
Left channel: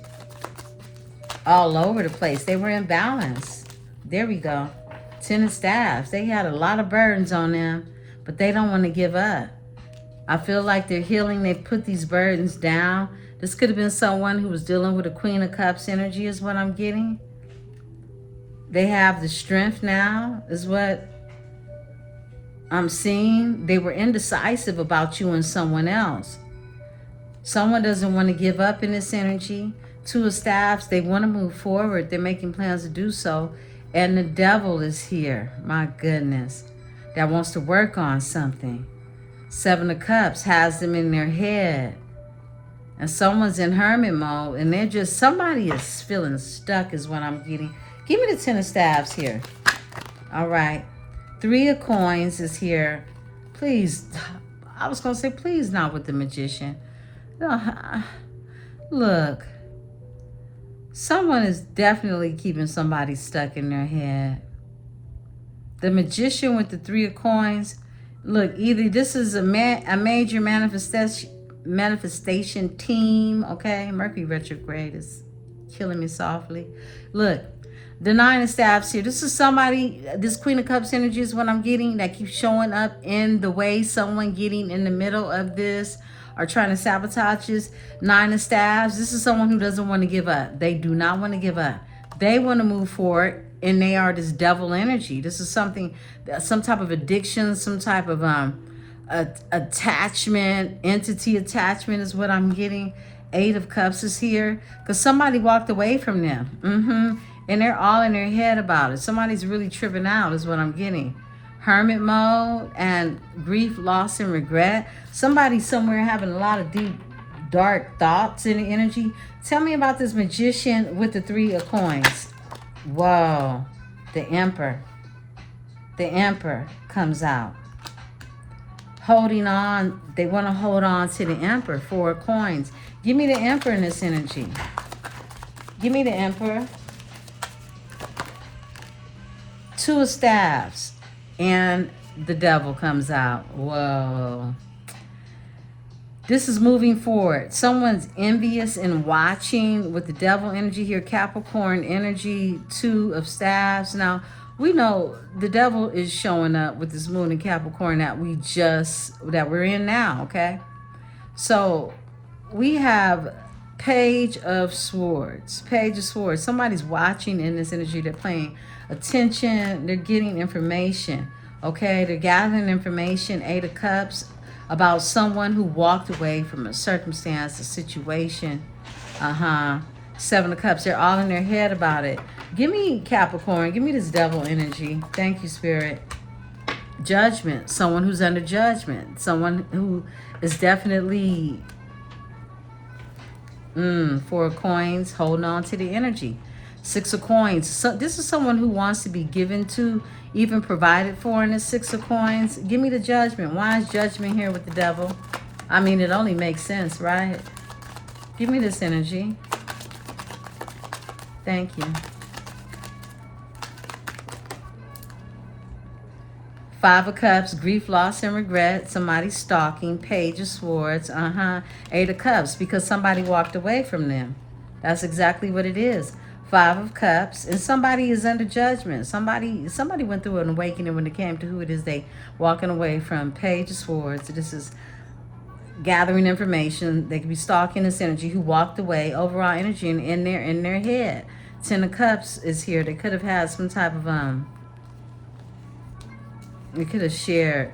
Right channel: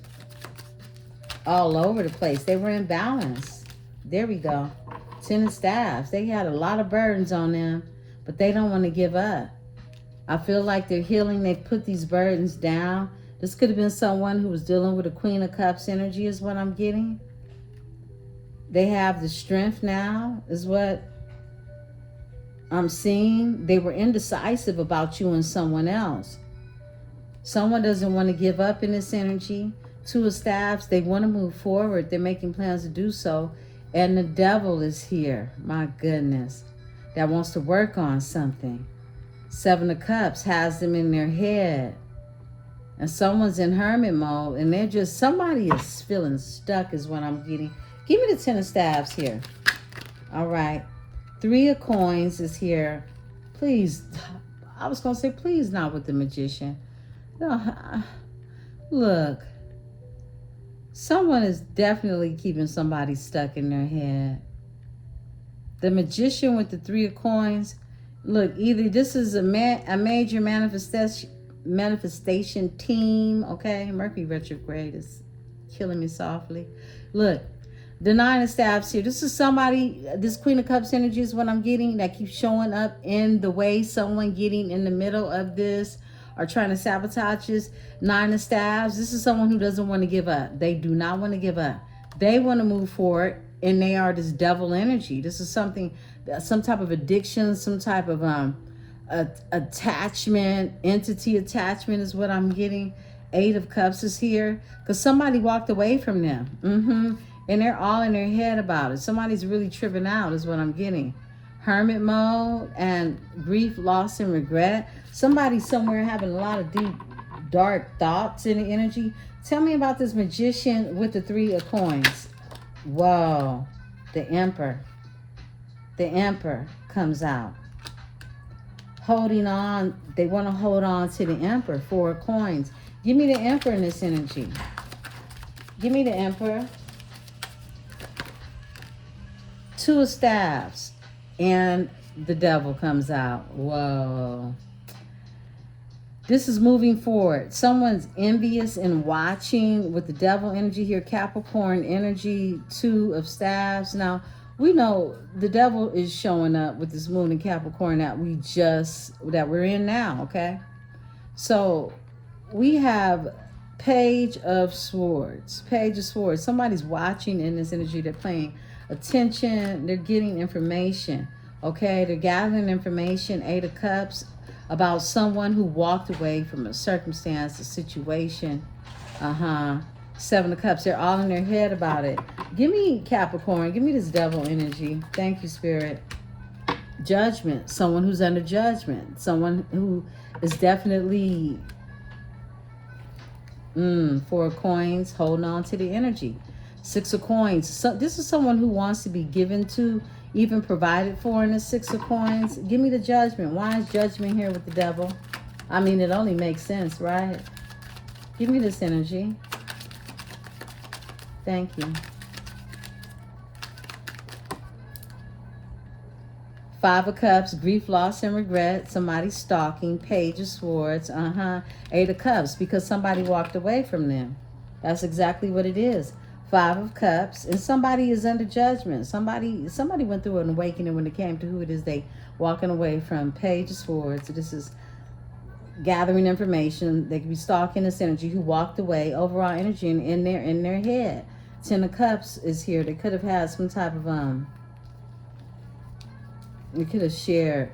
all over the place. They were in balance. There we go. Ten of Staffs. They had a lot of burdens on them, but they don't want to give up. I feel like they're healing. They've put these burdens down. This could have been someone who was dealing with a Queen of Cups energy is what I'm getting. They have the strength now is what I'm seeing. They were indecisive about you and someone else. Someone doesn't want to give up in this energy. Two of Staffs, they want to move forward. They're making plans to do so. And the Devil is here. My goodness. That wants to work on something. Seven of Cups has them in their head. And someone's in hermit mode. And they're just, somebody is feeling stuck is what I'm getting. Give me the Ten of Staffs here. All right. Three of Coins is here. Please, I was going to say, please not with the Magician. No, look. Someone is definitely keeping somebody stuck in their head. The Magician with the Three of Coins. Look, either this is a major manifestation team, okay? Mercury retrograde is killing me softly. Look, the Nine of Staffs here. This is somebody, this Queen of Cups energy is what I'm getting that keeps showing up in the way. Someone getting in the middle of this or trying to sabotage this. Nine of Staffs. This is someone who doesn't want to give up. They do not want to give up. They want to move forward, and they are this devil energy. This is something, some type of addiction, some type of attachment, entity attachment is what I'm getting. Eight of Cups is here because somebody walked away from them. And they're all in their head about it. Somebody's really tripping out is what I'm getting. Hermit mode and grief, loss, and regret. Somebody somewhere having a lot of deep, dark thoughts in the energy. Tell me about this Magician with the Three of Coins. Whoa. The Emperor. The Emperor comes out. Holding on. They want to hold on to the Emperor. Four of Coins. Give me the Emperor in this energy. Give me the Emperor. Two of Staffs. And the Devil comes out. Whoa. This is moving forward. Someone's envious and watching with the Devil energy here. Capricorn energy. Two of Staffs. Now, we know the Devil is showing up with this moon in Capricorn that we're in now, okay? So we have Page of Swords. Page of Swords. Somebody's watching in this energy. They're paying attention. They're getting information. Okay, they're gathering information. Eight of Cups, about someone who walked away from a circumstance, a situation. Seven of Cups. They're all in their head about it. Give me Capricorn. Give me this devil energy. Thank you, Spirit. Judgment. Someone who's under judgment. Someone who is definitely Four of Coins, holding on to the energy. Six of Coins. So this is someone who wants to be given to, even provided for in the Six of Coins. Give me the Judgment. Why is Judgment here with the devil? I mean, it only makes sense, right? Give me this energy. Thank you. Five of Cups, grief, loss, and regret. Somebody stalking. Page of Swords. Eight of Cups, because somebody walked away from them. That's exactly what it is. Five of Cups, and somebody is under judgment. Somebody went through an awakening when it came to who it is they walking away from. Page of Swords. This is gathering information. They could be stalking this energy who walked away. Overall energy in their head. Ten of Cups is here. They could have had some type of they could have shared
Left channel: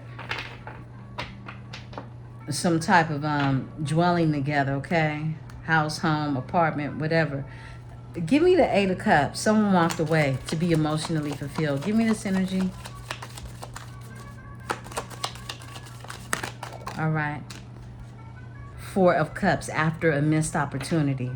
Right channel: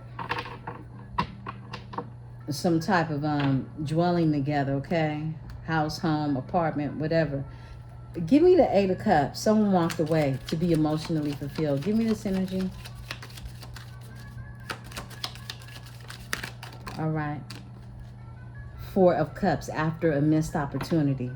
some type of dwelling together, okay? House, home, apartment, whatever. Give me the Eight of Cups. Someone walked away to be emotionally fulfilled. Give me this energy. All right. Four of Cups, after a missed opportunity.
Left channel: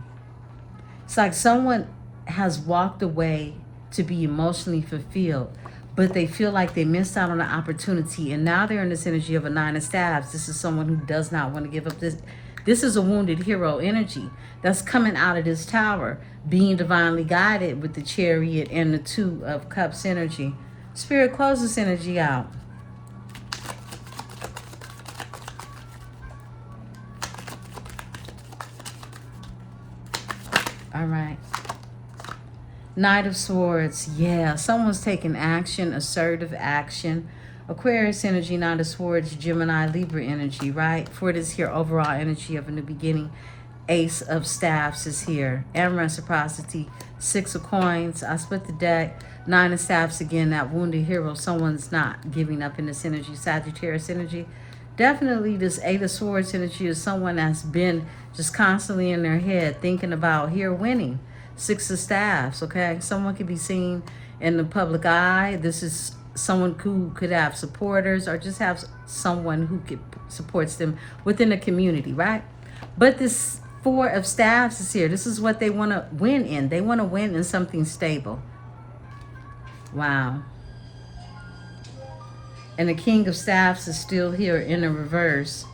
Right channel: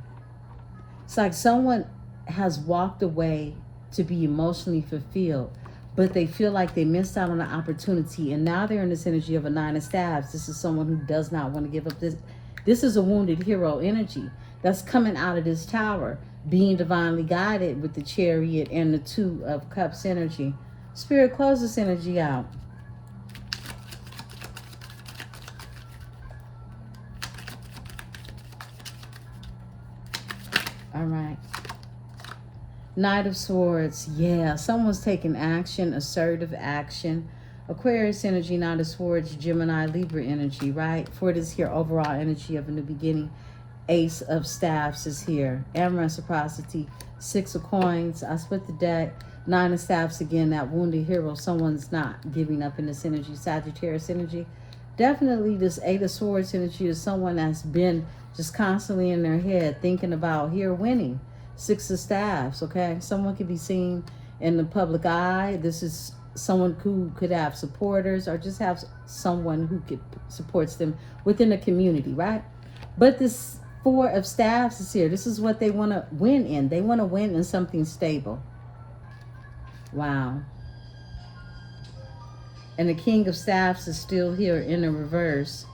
It's like someone has walked away to be emotionally fulfilled, but they feel like they missed out on an opportunity, and now they're in this energy of a Nine of Staves. This is someone who does not want to give up. This is a wounded hero energy that's coming out of this tower, being divinely guided with the Chariot and the Two of Cups energy. Spirit, close this energy out. All right. Knight of Swords. Yeah, someone's taking action, assertive action. Aquarius energy, Knight of Swords, Gemini, Libra energy, right? For this here overall energy of a new beginning. Ace of Staffs is here. And reciprocity. Six of Coins. I split the deck. Nine of Staffs again, that wounded hero. Someone's not giving up in this energy. Sagittarius energy. Definitely this Eight of Swords energy is someone that's been just constantly in their head thinking about here winning. Six of Staffs, okay? Someone could be seen in the public eye. This is someone who could have supporters or just have someone who supports them within a community, right? But this Four of Staffs is here. This is what they want to win in. They want to win in something stable. Wow. And the King of Staffs is still here in the reverse.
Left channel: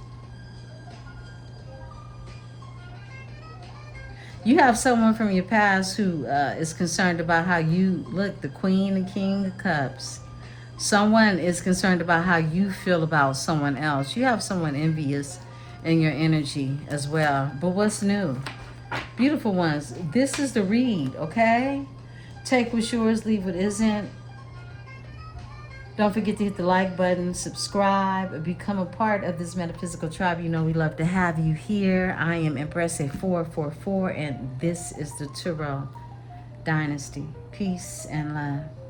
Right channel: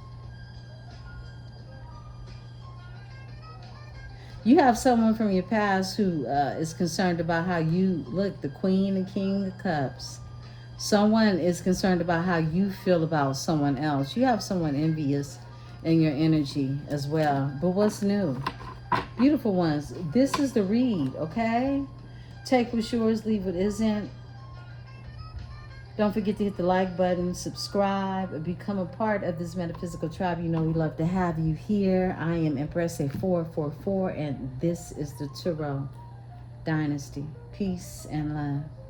You have someone from your past who is concerned about how you look, the Queen and King of Cups. Someone is concerned about how you feel about someone else. You have someone envious in your energy as well. But what's new? Beautiful ones, this is the read, okay? Take what's yours, leave what isn't. Don't forget to hit the like button, subscribe, and become a part of this metaphysical tribe. You know we love to have you here. I am Emperesse 444, and this is the Tarot Dynasty. Peace and love.